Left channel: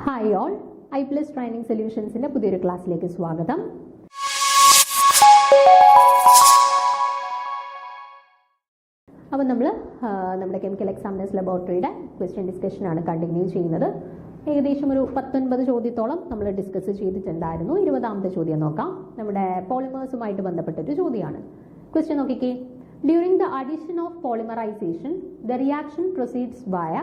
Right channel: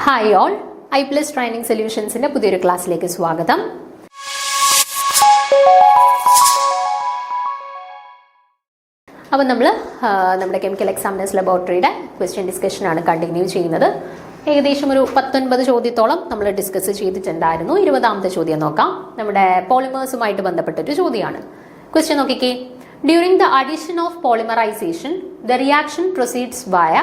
Hi all, I+ training സൊല്യൂഷൻസിൻ്റെ പുതിയൊരു ക്ലാസ്സിലേക്ക് സ്വാഗതം. അപ്പോൾ നമ്മൾ നമ്മുടെ കെമിക്കൽ എക്സാമിനേഴ്സ് ലബോറട്ടറിയുടെ ക്വസ്റ്റ്യൻ ഡിസ്കഷനാണ് കണ്ടിന്യൂ ചെയ്യുന്നത്. ഏകദേശം ഒരു 19 ചോദ്യത്തോളം നമ്മൾ ഡിസ്കസ് ചെയ്തിട്ടുണ്ടായിരുന്നു. 20ാമത്തെ ചോദ്യം നോക്കാം. നമ്മുടെ പോളിമേഴ്സുമായിട്ട് ബന്ധപ്പെട്ടൊരു ചോദ്യമാണ്. ക്വസ്റ്റ്യൻ നോക്കിക്കേ. During the addition of polymerization the reaction proceeds via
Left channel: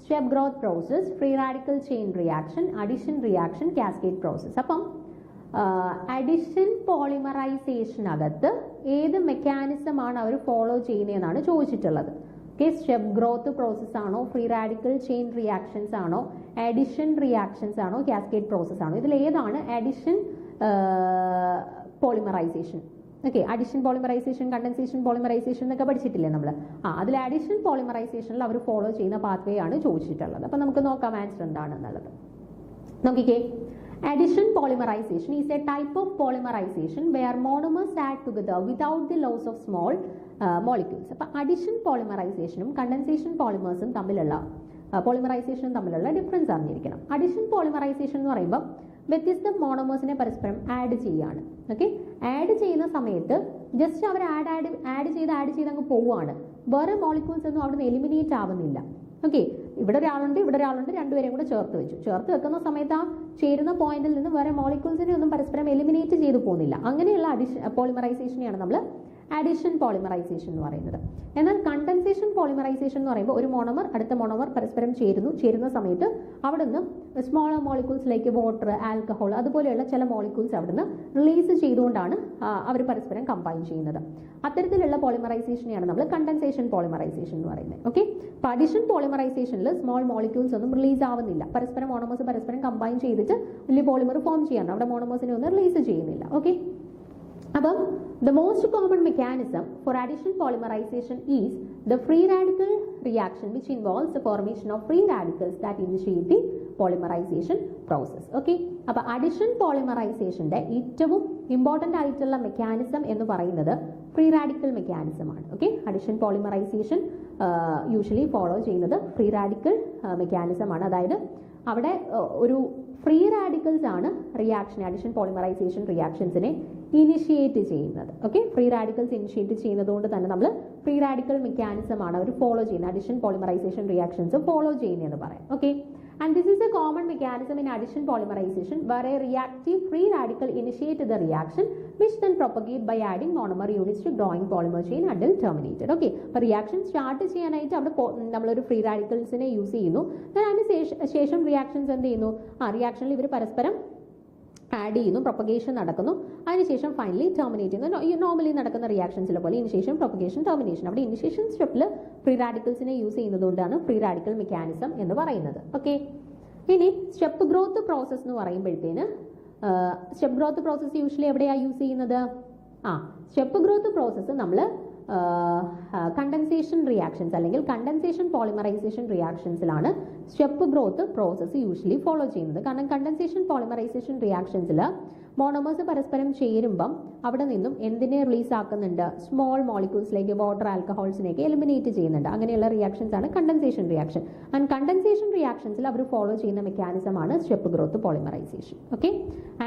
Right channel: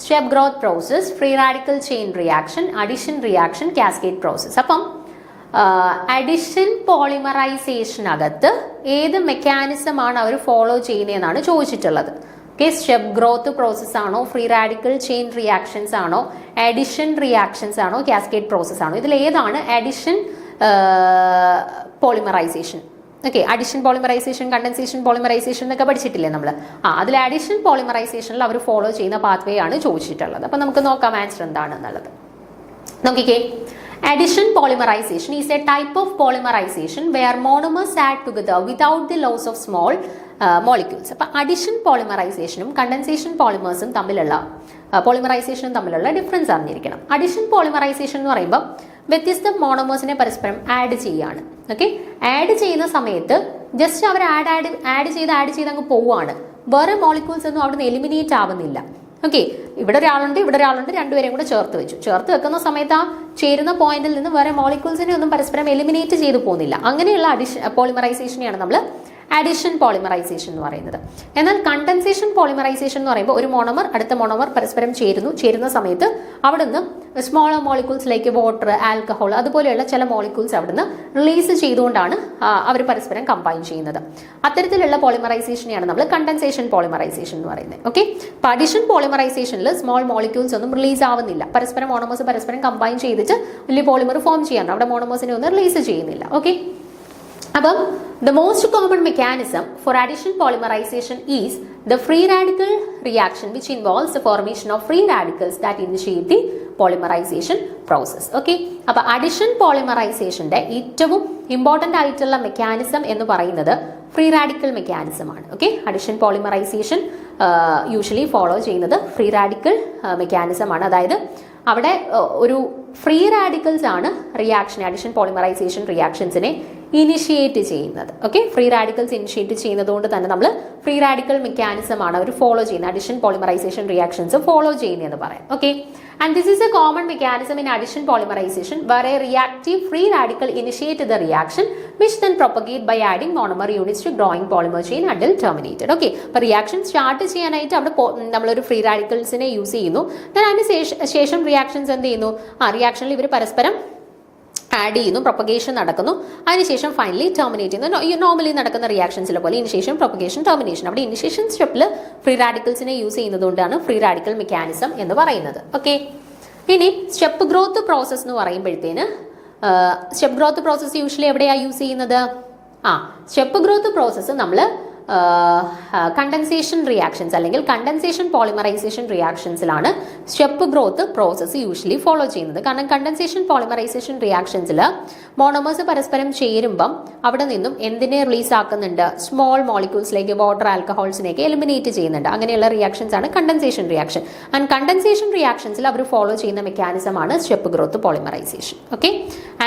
step growth process, free radical chain reaction, addition reaction, cascade process. അപ്പം അഡിഷൻ പോളിമറൈസേഷനകത്ത് ഏത് മെക്കാനിസമാണ് അവർ ഫോളോ ചെയ്യുന്നതെന്നാണ് ചോദിച്ചിട്ടുള്ളത്. ഓക്കെ, സ്റ്റെപ്പ് ഗ്രോത്ത് പ്രോസസ് ആണോ, ഫ്രീ റാഡിക്കൽ ചെയിൻ റിയാക്ഷൻസ് ആണോ, അഡിഷൻ റിയാക്ഷൻസ് ആണോ, കാസ്കേഡ് പ്രോസസ് ആണോ? ഇതിൽ ഏതാണ് addition polymerization? Okay, addition polymerization, condensation polymerization എന്നൊക്കെ പഠിച്ചിട്ടില്ലേ നമ്മൾ? അതിൽ അഡിഷൻ പോളിമറൈസേഷനിൽ അവർ ഫോളോ ചെയ്യുന്ന പാത്വേ ആണ് ചോദിച്ചിട്ടുള്ളത്. അപ്പം നമുക്ക് നോക്കാം ആൻസർ എന്താണെന്നുള്ളത്. നോക്കിക്കേ. Addition polymerization is a type of polymerization where monomers add together without the loss of small molecules. അപ്പോൾ അഡിഷൻ പോളിമറൈസേഷനും കണ്ടൻസേഷൻ പോളിമേഴ്സും തമ്മിലുള്ള പോളിമറൈസേഷനും തമ്മിലുള്ള ഡിഫറൻസ് അറിഞ്ഞിരിക്കണം. അഡിഷൻ പോളിമറൈസേഷൻ എന്ന് പറയുമ്പോൾ വ്യത്യസ്ത മോണോമേഴ്സിനെ പരസ്പരം ആഡ് ചെയ്യുകയാണ്. ഓക്കെ, ആഡ് ചെയ്യുന്ന സമയത്ത് ജസ്റ്റ് അവർ ആഡ് ചെയ്ത് അങ്ങ് പോവുകയാണ്. വേറെ മോളിക്യൂൾസ് ഒന്നും അവിടെ നിന്ന് എലിമിനേറ്റ് ആവുന്നില്ല. ഓക്കെ, ഇവിടെ ഒരാളുണ്ട്, രണ്ടുപേരെയും കൂടെ ചേർത്ത് വെക്കുന്ന സമയത്ത് ആ ചേരുന്ന പോയിന്റിൽ നിന്ന് വേറെ മോളിക്യൂൾസിനെ ഒന്നും പരസ്പരം എലിമിനേറ്റ് ചെയ്തു പോകുന്നില്ല. അങ്ങനെയുള്ള പോളിമറൈസേഷനെയാണ് നമ്മൾ അഡിഷൻ പോളിമറൈസേഷൻ എന്ന് പറയുന്നത്. എന്നാൽ കണ്ടൻസേഷൻ പോളിമറൈസേഷൻ എന്ന് പറയുമ്പോൾ ഒരു മോണോമർ അടുത്ത മോണോമർ പരസ്പരം ചേരുന്ന സമയത്ത് അവിടുന്ന് സ്മോളർ മോളിക്യൂൾസിലേക്ക് വാട്ടർ, ആൽക്കഹോൾ അതുപോലെയുള്ള ചില മോളിക്യൂൾസ് അവിടുന്ന് റിലീസ് ചെയ്തുകൊണ്ടാണ് അവർ പരസ്പരം കമ്പൈൻ ചെയ്യുന്നത്. അത്തരത്തിലുള്ള പോളിമറൈസേഷനെയാണ് നമ്മൾ കണ്ടൻസേഷൻ പോളിമറൈസേഷൻ എന്ന് പറയുന്നത്. ഓക്കെ, അഡിഷൻ പോളിമറൈസേഷനിൽ സ്മോൾ മോളിക്യൂൾസ് ഒന്നും റിലീസ് ആവുന്നില്ല. പരസ്പരം മോണോമേഴ്സ് പരസ്പരം കമ്പൈൻ ചെയ്തിട്ട് വലിയ പോളിമർ ഫോം ചെയ്യാൻ അവിടെ മോണോമേഴ്സിനെ ഒന്നും റിലീസ് ചെയ്യുന്നില്ല. ഓക്കെ, അപ്പം the most common mechanism for addition polymerization is the free radical reaction, which involves the formation of free radicals that initiate the polymerization process. Okay, അപ്പോൾ addition polymerizationന്റെ ഏറ്റവും important ആയിട്ടുള്ള mechanism എന്ന് പറയുന്നത് ഫ്രീ റാഡിക്കൽ മെക്കാനിസം ആണ്. Okay, addition polymerisation usually follow ചെയ്യുന്നത് free radical mechanism ആണ്. അതായത് അവിടെ ഒരു ഫ്രീ റാഡിക്കൽസ് ആണ് അഡിഷൻ പോളിമറൈസേഷൻ റിയാക്ഷൻസിനെ ഇനിഷ്യേറ്റ് ചെയ്യുന്നത്. ഓക്കെ, ഫ്രീ റാഡിക്കൽസ് ഇനിഷ്യേറ്റ് ചെയ്യുന്നത് കൊണ്ട് തന്നെ നമ്മൾ ഫ്രീ റാഡിക്കൽ മെക്കാനിസം ആണ് അവർ ഫോളോ ചെയ്യുന്നത്, അഡിഷൻ പോളിമറൈസേഷൻ റിയാക്ഷൻസ് ഫോളോ ചെയ്യുന്നതെന്ന് പറയാം. Okay, and this is a common mechanism in addition polymerization where a reactive free radical initiate the reaction which then propagate by adding monomer units to growing polymer chain until terminated. Okay, അപ്പോൾ reaction start ചെയ്യാനായിട്ട് അവിടെ നമ്മളൊരു free റാഡിക്കൽസിനെ use ചെയ്യുന്നു. അതിന് ശേഷം reactions എന്ത് ചെയ്യുന്നു? റിയാക്ഷനിൽ ഇവർ പരസ്പരം ആഡ് ചെയ്യുന്നു, പ്രൊപ്പഗേഷൻ നടക്കുന്നു, അതിനുശേഷം ഫൈനലി ടെർമിനേറ്റ് ചെയ്യുന്നു. നോർമലി നടക്കുന്ന റിയാക്ഷൻസിലെ പോലെ ഇനിഷ്യേഷൻ, പ്രൊപ്പഗേഷൻ, ടെർമിനേഷൻ. അവിടെ ഇനിഷ്യേഷൻ സ്റ്റെപ്പിൽ ഫ്രീ റാഡിക്കൽസിനെ യൂസ് ചെയ്യുന്നതുകൊണ്ടാണ് ഫ്രീ റാഡിക്കൽ മെക്കാനിസം എന്ന് പറയുന്നത്. ഓക്കെ, ഇനി സ്റ്റെപ്പ് ഗ്രോത്ത് പ്രോസസ് എന്ന് പറയുമ്പോഴത്തേന് സ്റ്റെപ്പ് ഗ്രോത്ത് പ്രോസസ്സ് യൂഷ്വലി എവിടെയാണ് യൂസ് ചെയ്യുന്നത്? സ്റ്റെപ്പ് ഗ്രോത്ത് പ്രോസസ്സ് നമ്മൾ കണ്ടൻസേഷൻ റിയാക്ഷൻസ് അല്ലെങ്കിൽ കണ്ടൻസേഷൻ പോളിമറൈസേഷൻ റിയാക്ഷൻസിലാണ് step growth process usually follow ചെയ്യുന്നത്. കാരണം കണ്ടൻസേഷൻ പോളിമറൈസേഷൻ റിയാക്ഷൻസിൽ മോണോമേഴ്സ് പരസ്പരം ചേരുമ്പം അവിടെ നിന്നും എന്തിനെ റിലീസ് ആക്കുന്നുണ്ട്? സ്മോൾ മോളിക്യൂൾസിലേക്ക് വാട്ടർ, ആൽക്കഹോൾസിനെയൊക്കെ എലിമിനേറ്റ് ചെയ്യുന്നുണ്ട്. അങ്ങനെയുള്ള റിയാക്ഷൻസ് ആണ് കണ്ടൻസേഷൻ റിയാക്ഷൻ. ആൻഡ് കണ്ടൻസേഷൻ റിയാക്ഷൻസിൽ അവർ ഫോളോ ചെയ്യുന്ന മെക്കാനിസം ആണ് step growth polymerization. Okay,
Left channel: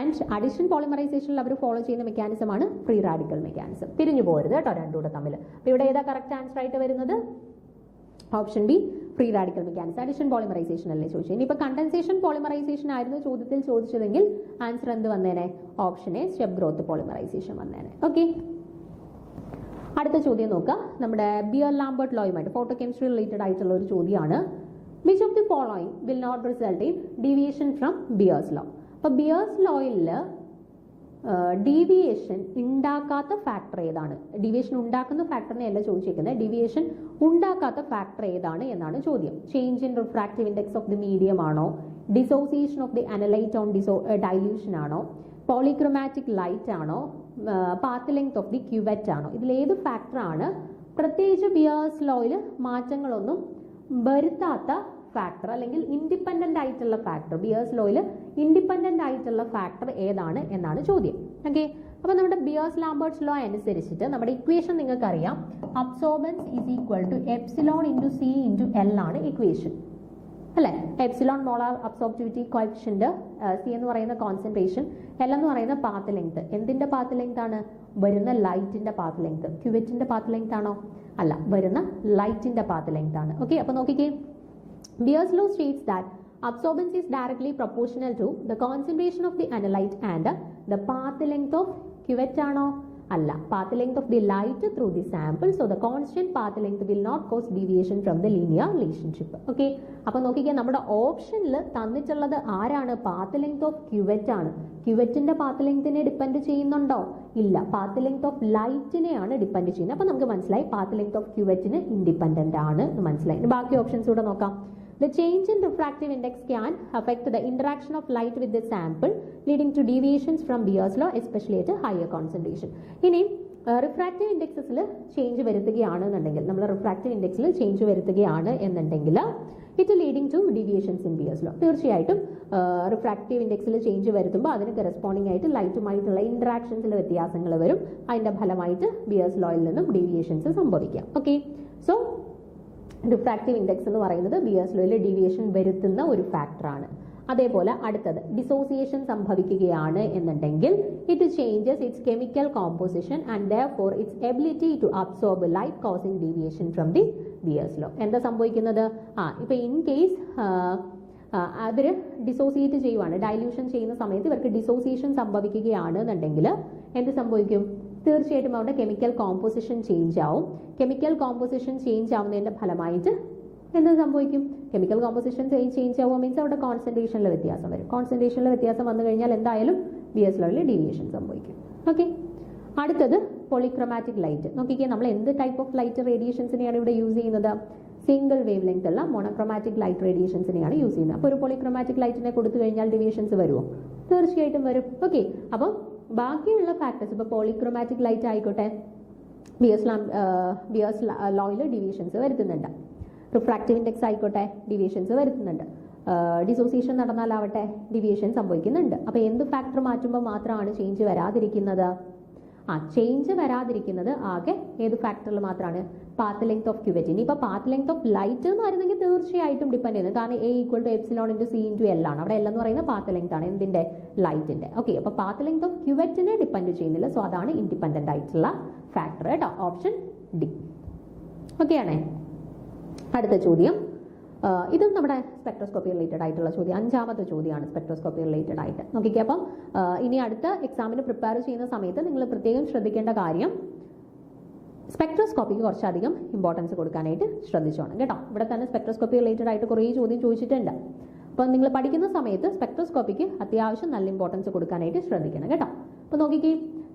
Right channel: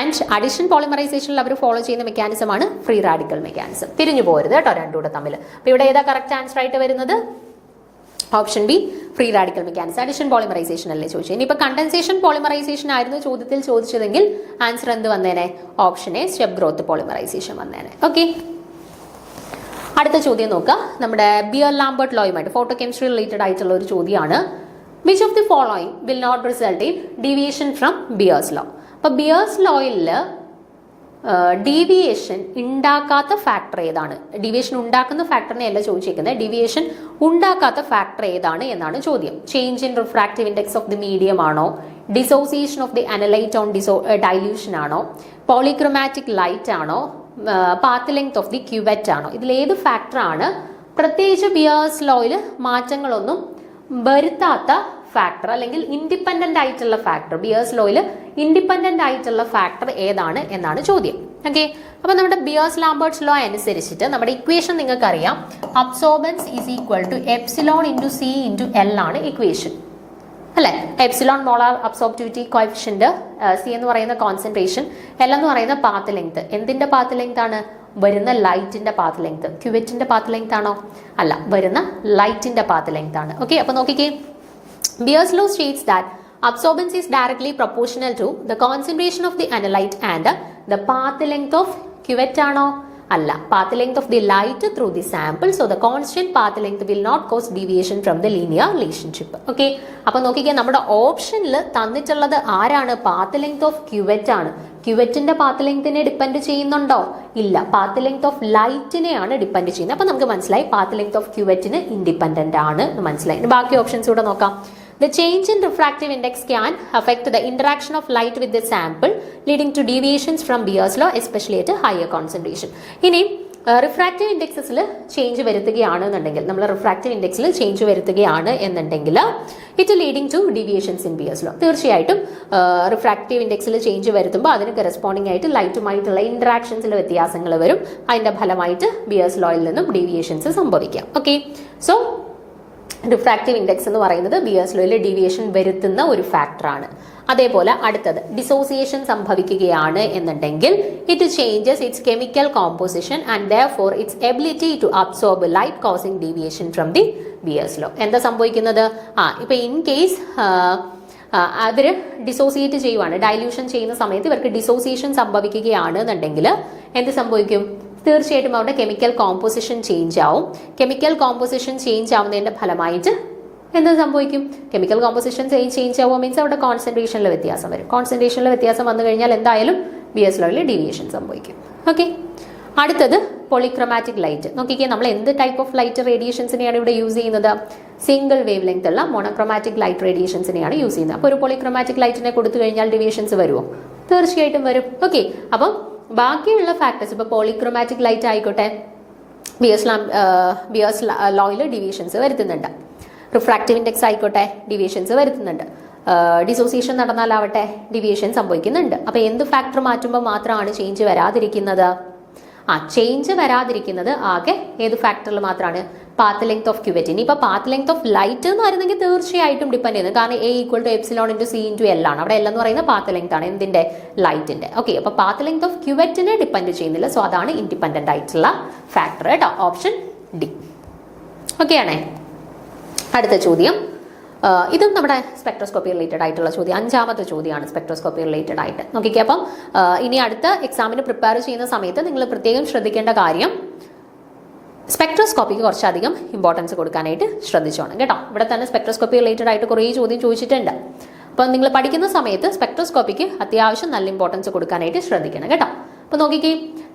and addition പോളിമറൈസേഷനിൽ അവർ ഫോളോ ചെയ്യുന്ന മെക്കാനിസം ആണ് ഫ്രീ റാഡിക്കൽ മെക്കാനിസം. തിരിഞ്ഞു പോരുത് കേട്ടോ രണ്ടുകൂടെ തമ്മിൽ. അപ്പോൾ ഇവിടെ ഏതാ കറക്റ്റ് ആൻസർ ആയിട്ട് വരുന്നത്? Option B, free radical mechanism. Addition polymerisation അല്ലേ ചോദിച്ചത്. ഇനിയിപ്പോൾ കണ്ടൻസേഷൻ പോളിമറൈസേഷൻ ആയിരുന്നു ചോദ്യത്തിൽ ചോദിച്ചതെങ്കിൽ ആൻസർ എന്ത് വന്നേനെ? Option A, step growth polymerization വന്നേനെ. ഓക്കെ, അടുത്ത ചോദ്യം നോക്കുക. നമ്മുടെ ബിയർ ലാംബർട്ട് ലോയുമായിട്ട് ഫോട്ടോ കെമിസ്ട്രി റിലേറ്റഡ് ആയിട്ടുള്ള ഒരു ചോദ്യമാണ്. Which of the following will not result in deviation from Beer's law? അപ്പോൾ ബിയേഴ്സ് ലോയിൽ ഡീവിയേഷൻ ഉണ്ടാക്കാത്ത ഫാക്ടർ ഏതാണ്? ഡീവിയേഷൻ ഉണ്ടാക്കുന്ന ഫാക്ടറിനെ അല്ല ചോദിച്ചിരിക്കുന്നത്, ഡീവിയേഷൻ ഉണ്ടാക്കാത്ത ഫാക്ടർ ഏതാണ് എന്നാണ് ചോദ്യം. Change in refractive index of the medium ആണോ, dissociation of the analyte on dilution ആണോ, പോളിക്രോമാറ്റിക് ലൈറ്റ് ആണോ, path length of the cuvette ആണോ? ഇതിലേത് ഫാക്ടറാണ് പ്രത്യേകിച്ച് ബിയേഴ്സ് ലോയിൽ മാറ്റങ്ങളൊന്നും വരുത്താത്ത ഫാക്ടർ അല്ലെങ്കിൽ ഇൻഡിപെൻഡന്റ് ആയിട്ടുള്ള ഫാക്ടർ? ബിയേഴ്സ് ലോയിൽ ഇൻഡിപെൻഡന്റ് ആയിട്ടുള്ള ഫാക്ടർ ഏതാണ് എന്നാണ് ചോദ്യം. ഓക്കെ, അപ്പോൾ നമ്മുടെ ബിയേഴ്സ് ലാംബർട്ട്സ് ലോ അനുസരിച്ചിട്ട് നമ്മുടെ ഇക്വേഷൻ നിങ്ങൾക്കറിയാം. Absorbance is equal to epsilon into c into l ആണ് ഇക്വേഷൻ. അല്ലെ? Epsilon molar absorptivity coefficient, c എന്ന് പറയുന്ന കോൺസെൻട്രേഷൻ, എൽ എന്ന് പറയുന്ന പാത്ത് ലെങ്ത്. എന്തിന്റെ പാത്ത് ലെങ്ത് ആണ്? വരുന്ന ലൈറ്റിന്റെ പാത്ത് ലെങ്ത്. ക്യുവറ്റിന്റെ പാത്ത് ലെങ്ത് ആണോ? അല്ല, വരുന്ന ലൈറ്റിന്റെ പാത്ത് ലെങ്ത് ആണ്. ഓക്കെ, അപ്പൊ നോക്കിക്കേ, Beer's law states that absorbance is directly proportional to the concentration of the analyte and the path length of cuvette ആണോ? അല്ല, path length of the light through the sample. So the constant path length will not cause deviation from the linear relationship. Okay, അപ്പോൾ നോക്കിക്കേ, നമ്മുടെ ഓപ്ഷനിൽ തന്നിട്ടുള്ളത് ആരാണ്? Path length of CUET ആണ്. ക്യുവറ്റിന്റെ path ലെങ്തിനെ depend ചെയ്യുന്നുണ്ടോ? ഇല്ല, പാത്ത് ലെങ്ത് ഓഫ് ലൈറ്റിനെയാണ് ഡിപ്പെൻഡ് ചെയ്യുന്നത്. അപ്പോൾ നമുക്ക് മനസ്സിലായി പാത്ത് ലെങ്ത് ഓഫ് ക്യുവറ്റിന് ഇൻഡിപെൻഡന്റ് ആണ് മനസ്സിലായി. ബാക്കി ഓപ്ഷൻസ് കൂടെ നോക്കാം. The change in refractive index can affect the interaction of light with the sample, leading to deviations from Beer's law, especially at a higher concentration. ഇനി റിഫ്രാക്റ്റീവ് ഇൻഡെക്സസിൽ change വരുത്തുകയാണെന്നുണ്ടെങ്കിൽ, നമ്മൾ refractive ഇൻഡെക്സിൽ ചേഞ്ച് വരുത്തുകയാണ് എന്നുണ്ടെങ്കിൽ it leading to deviations in Beer's law. തീർച്ചയായിട്ടും refractive ഇൻഡെക്സിൽ change വരുത്തുമ്പോൾ അതിന് കറസ്പോണ്ടിങ് ആയിട്ട് ലൈറ്റുമായിട്ടുള്ള ഇന്ററാക്ഷൻസിൽ വ്യത്യാസങ്ങൾ വരും. അതിന്റെ ഫലമായിട്ട് ബിയേഴ്സ് ലോയിൽ നിന്നും ഡീവിയേഷൻസ് സംഭവിക്കാം. ഓക്കെ, സോ റിഫ്രാക്റ്റീവ് ഇൻഡെക്സ് എന്ന് പറയുന്നത് ബിയേഴ്സ് ലോയിൽ ഡീവിയേഷൻ വരുത്തുന്ന ഒരു ഫാക്ടറാണ്. അതേപോലെ അടുത്തത് ഡിസോസിയേഷൻ സംഭവിക്കുകയാണ് എന്നുണ്ടെങ്കിൽ it changes its chemical composition and therefore its ability to absorb light causing deviation from the Beer's law. എന്താ സംഭവിക്കുന്നത്? ഇപ്പൊ ഇൻ കേസ് അവർ ഡിസോസിയേറ്റ് ചെയ്യുവാണ്, ഡൈല്യൂഷൻ ചെയ്യുന്ന സമയത്ത് ഇവർക്ക് ഡിസോസിയേഷൻ സംഭവിക്കുകയാണ് എന്നുണ്ടെങ്കിൽ എന്ത് സംഭവിക്കും? തീർച്ചയായിട്ടും അവരുടെ കെമിക്കൽ കോമ്പോസിഷൻ ചേഞ്ച് ആവും. കെമിക്കൽ കോമ്പോസിഷൻ ചേഞ്ച് ആവുന്നതിന്റെ ഫലമായിട്ട് എന്ത് സംഭവിക്കും? കെമിക്കൽ കോമ്പോസിഷൻ ചേഞ്ച് ആവുക മീൻസ് അവിടെ കോൺസെൻട്രേഷനിൽ വ്യത്യാസം വരും. കോൺസെൻട്രേഷനിൽ വ്യത്യാസം വന്നു കഴിഞ്ഞാൽ എന്തായാലും ബിയേഴ്സ് ലോയിൽ ഡീവിയേഷൻ സംഭവിക്കും. ഓക്കെ, അടുത്തത് പോളിക്രോമാറ്റിക് ലൈറ്റ്. നോക്കിക്കേ, നമ്മൾ എന്ത് ടൈപ്പ് ഓഫ് ലൈറ്റ് റേഡിയേഷൻസിനെയാണ് ഇവിടെ യൂസ് ചെയ്യുന്നത്? സിംഗിൾ വേവ് ലെങ്ത് ഉള്ള മോണോക്രോമാറ്റിക് ലൈറ്റ് റേഡിയേഷൻസിനെയാണ് യൂസ് ചെയ്യുന്നത്. അപ്പോൾ ഒരു പോളിക്രോമാറ്റിക് ലൈറ്റിനെ കൊടുത്തു കഴിഞ്ഞാൽ ഡീവിയേഷൻസ് വരുമോ? തീർച്ചയായിട്ടും വരും. ഓക്കെ, അപ്പം ബാക്കിയുള്ള ഫാക്ടേഴ്സ്, ഇപ്പോൾ പോളിക്രോമാറ്റിക് ലൈറ്റ് ആയിക്കോട്ടെ, ബിയേഴ്സ് ലോയിൽ ഡീവിയേഷൻസ് വരുത്തുന്നുണ്ട്. റിഫ്രാക്റ്റീവ് ഇൻഡെക്സ് ആയിക്കോട്ടെ, ഡീവിയേഷൻസ് വരുത്തുന്നുണ്ട്. ഡിസോസിയേഷൻ നടന്നാലാവട്ടെ ഡീവിയേഷൻ സംഭവിക്കുന്നുണ്ട്. അപ്പോൾ എന്ത് ഫാക്ടർ മാറ്റുമ്പോൾ മാത്രമാണ് ചേഞ്ച് വരാതിരിക്കുന്നത്? ചേഞ്ച് വരാതിരിക്കുന്നത് ആകെ ഏത് ഫാക്ടറിൽ മാത്രമാണ്? Path length of CUET. ഇനിയിപ്പോൾ പാത്ത് ലെങ്ത് ഓഫ് ലൈറ്റ് എന്ന് പറയുന്നെങ്കിൽ തീർച്ചയായിട്ടും ഡിപ്പെൻഡ് ചെയ്യുന്നത്, കാരണം A = എപ്സിലോൺ × C × L ആണ്. അവിടെ L എന്ന് പറയുന്നത് പാത്ത് ലെങ്ത് ആണ്, എന്തിന്റെ? ലൈറ്റിന്റെ. ഓക്കെ, അപ്പോൾ പാത്ത് ലെങ്ത് ഓഫ് ക്യുവറ്റിനെ ഡിപ്പെൻഡ് ചെയ്യുന്നില്ല. സോ അതാണ് ഇൻഡിപെൻഡന്റ് ആയിട്ടുള്ള ഫാക്ടർ കേട്ടോ, ഓപ്ഷൻ ഡി. ഓക്കെ ആണേ. അടുത്ത ചോദ്യം, ഇതും നമ്മുടെ സ്പെക്ട്രോസ്കോപ്പി റിലേറ്റഡ് ആയിട്ടുള്ള ചോദ്യം, 5ാമത്തെ ചോദ്യമാണ് സ്പെക്ട്രോസ്കോപ്പി റിലേറ്റഡ് ആയിട്ട്. നോക്കിക്കേ, അപ്പം ഇനി അടുത്ത എക്സാമിന് പ്രിപ്പയർ ചെയ്യുന്ന സമയത്ത് നിങ്ങൾ പ്രത്യേകം ശ്രദ്ധിക്കേണ്ട കാര്യം, സ്പെക്ട്രോസ്കോപ്പിക്ക് കുറച്ചധികം ഇമ്പോർട്ടൻസ് കൊടുക്കാനായിട്ട് ശ്രദ്ധിച്ചോണം കേട്ടോ. ഇവിടെ തന്നെ സ്പെക്ട്രോസ്കോപ്പി റിലേറ്റഡ് ആയിട്ട് കുറേ ചോദ്യം ചോദിച്ചിട്ടുണ്ട്. അപ്പം നിങ്ങൾ പഠിക്കുന്ന സമയത്ത് സ്പെക്ട്രോസ്കോപ്പിക്ക് അത്യാവശ്യം നല്ല ഇമ്പോർട്ടൻസ് കൊടുക്കാനായിട്ട് ശ്രദ്ധിക്കണം കേട്ടോ. അപ്പോൾ നോക്കിക്കേ,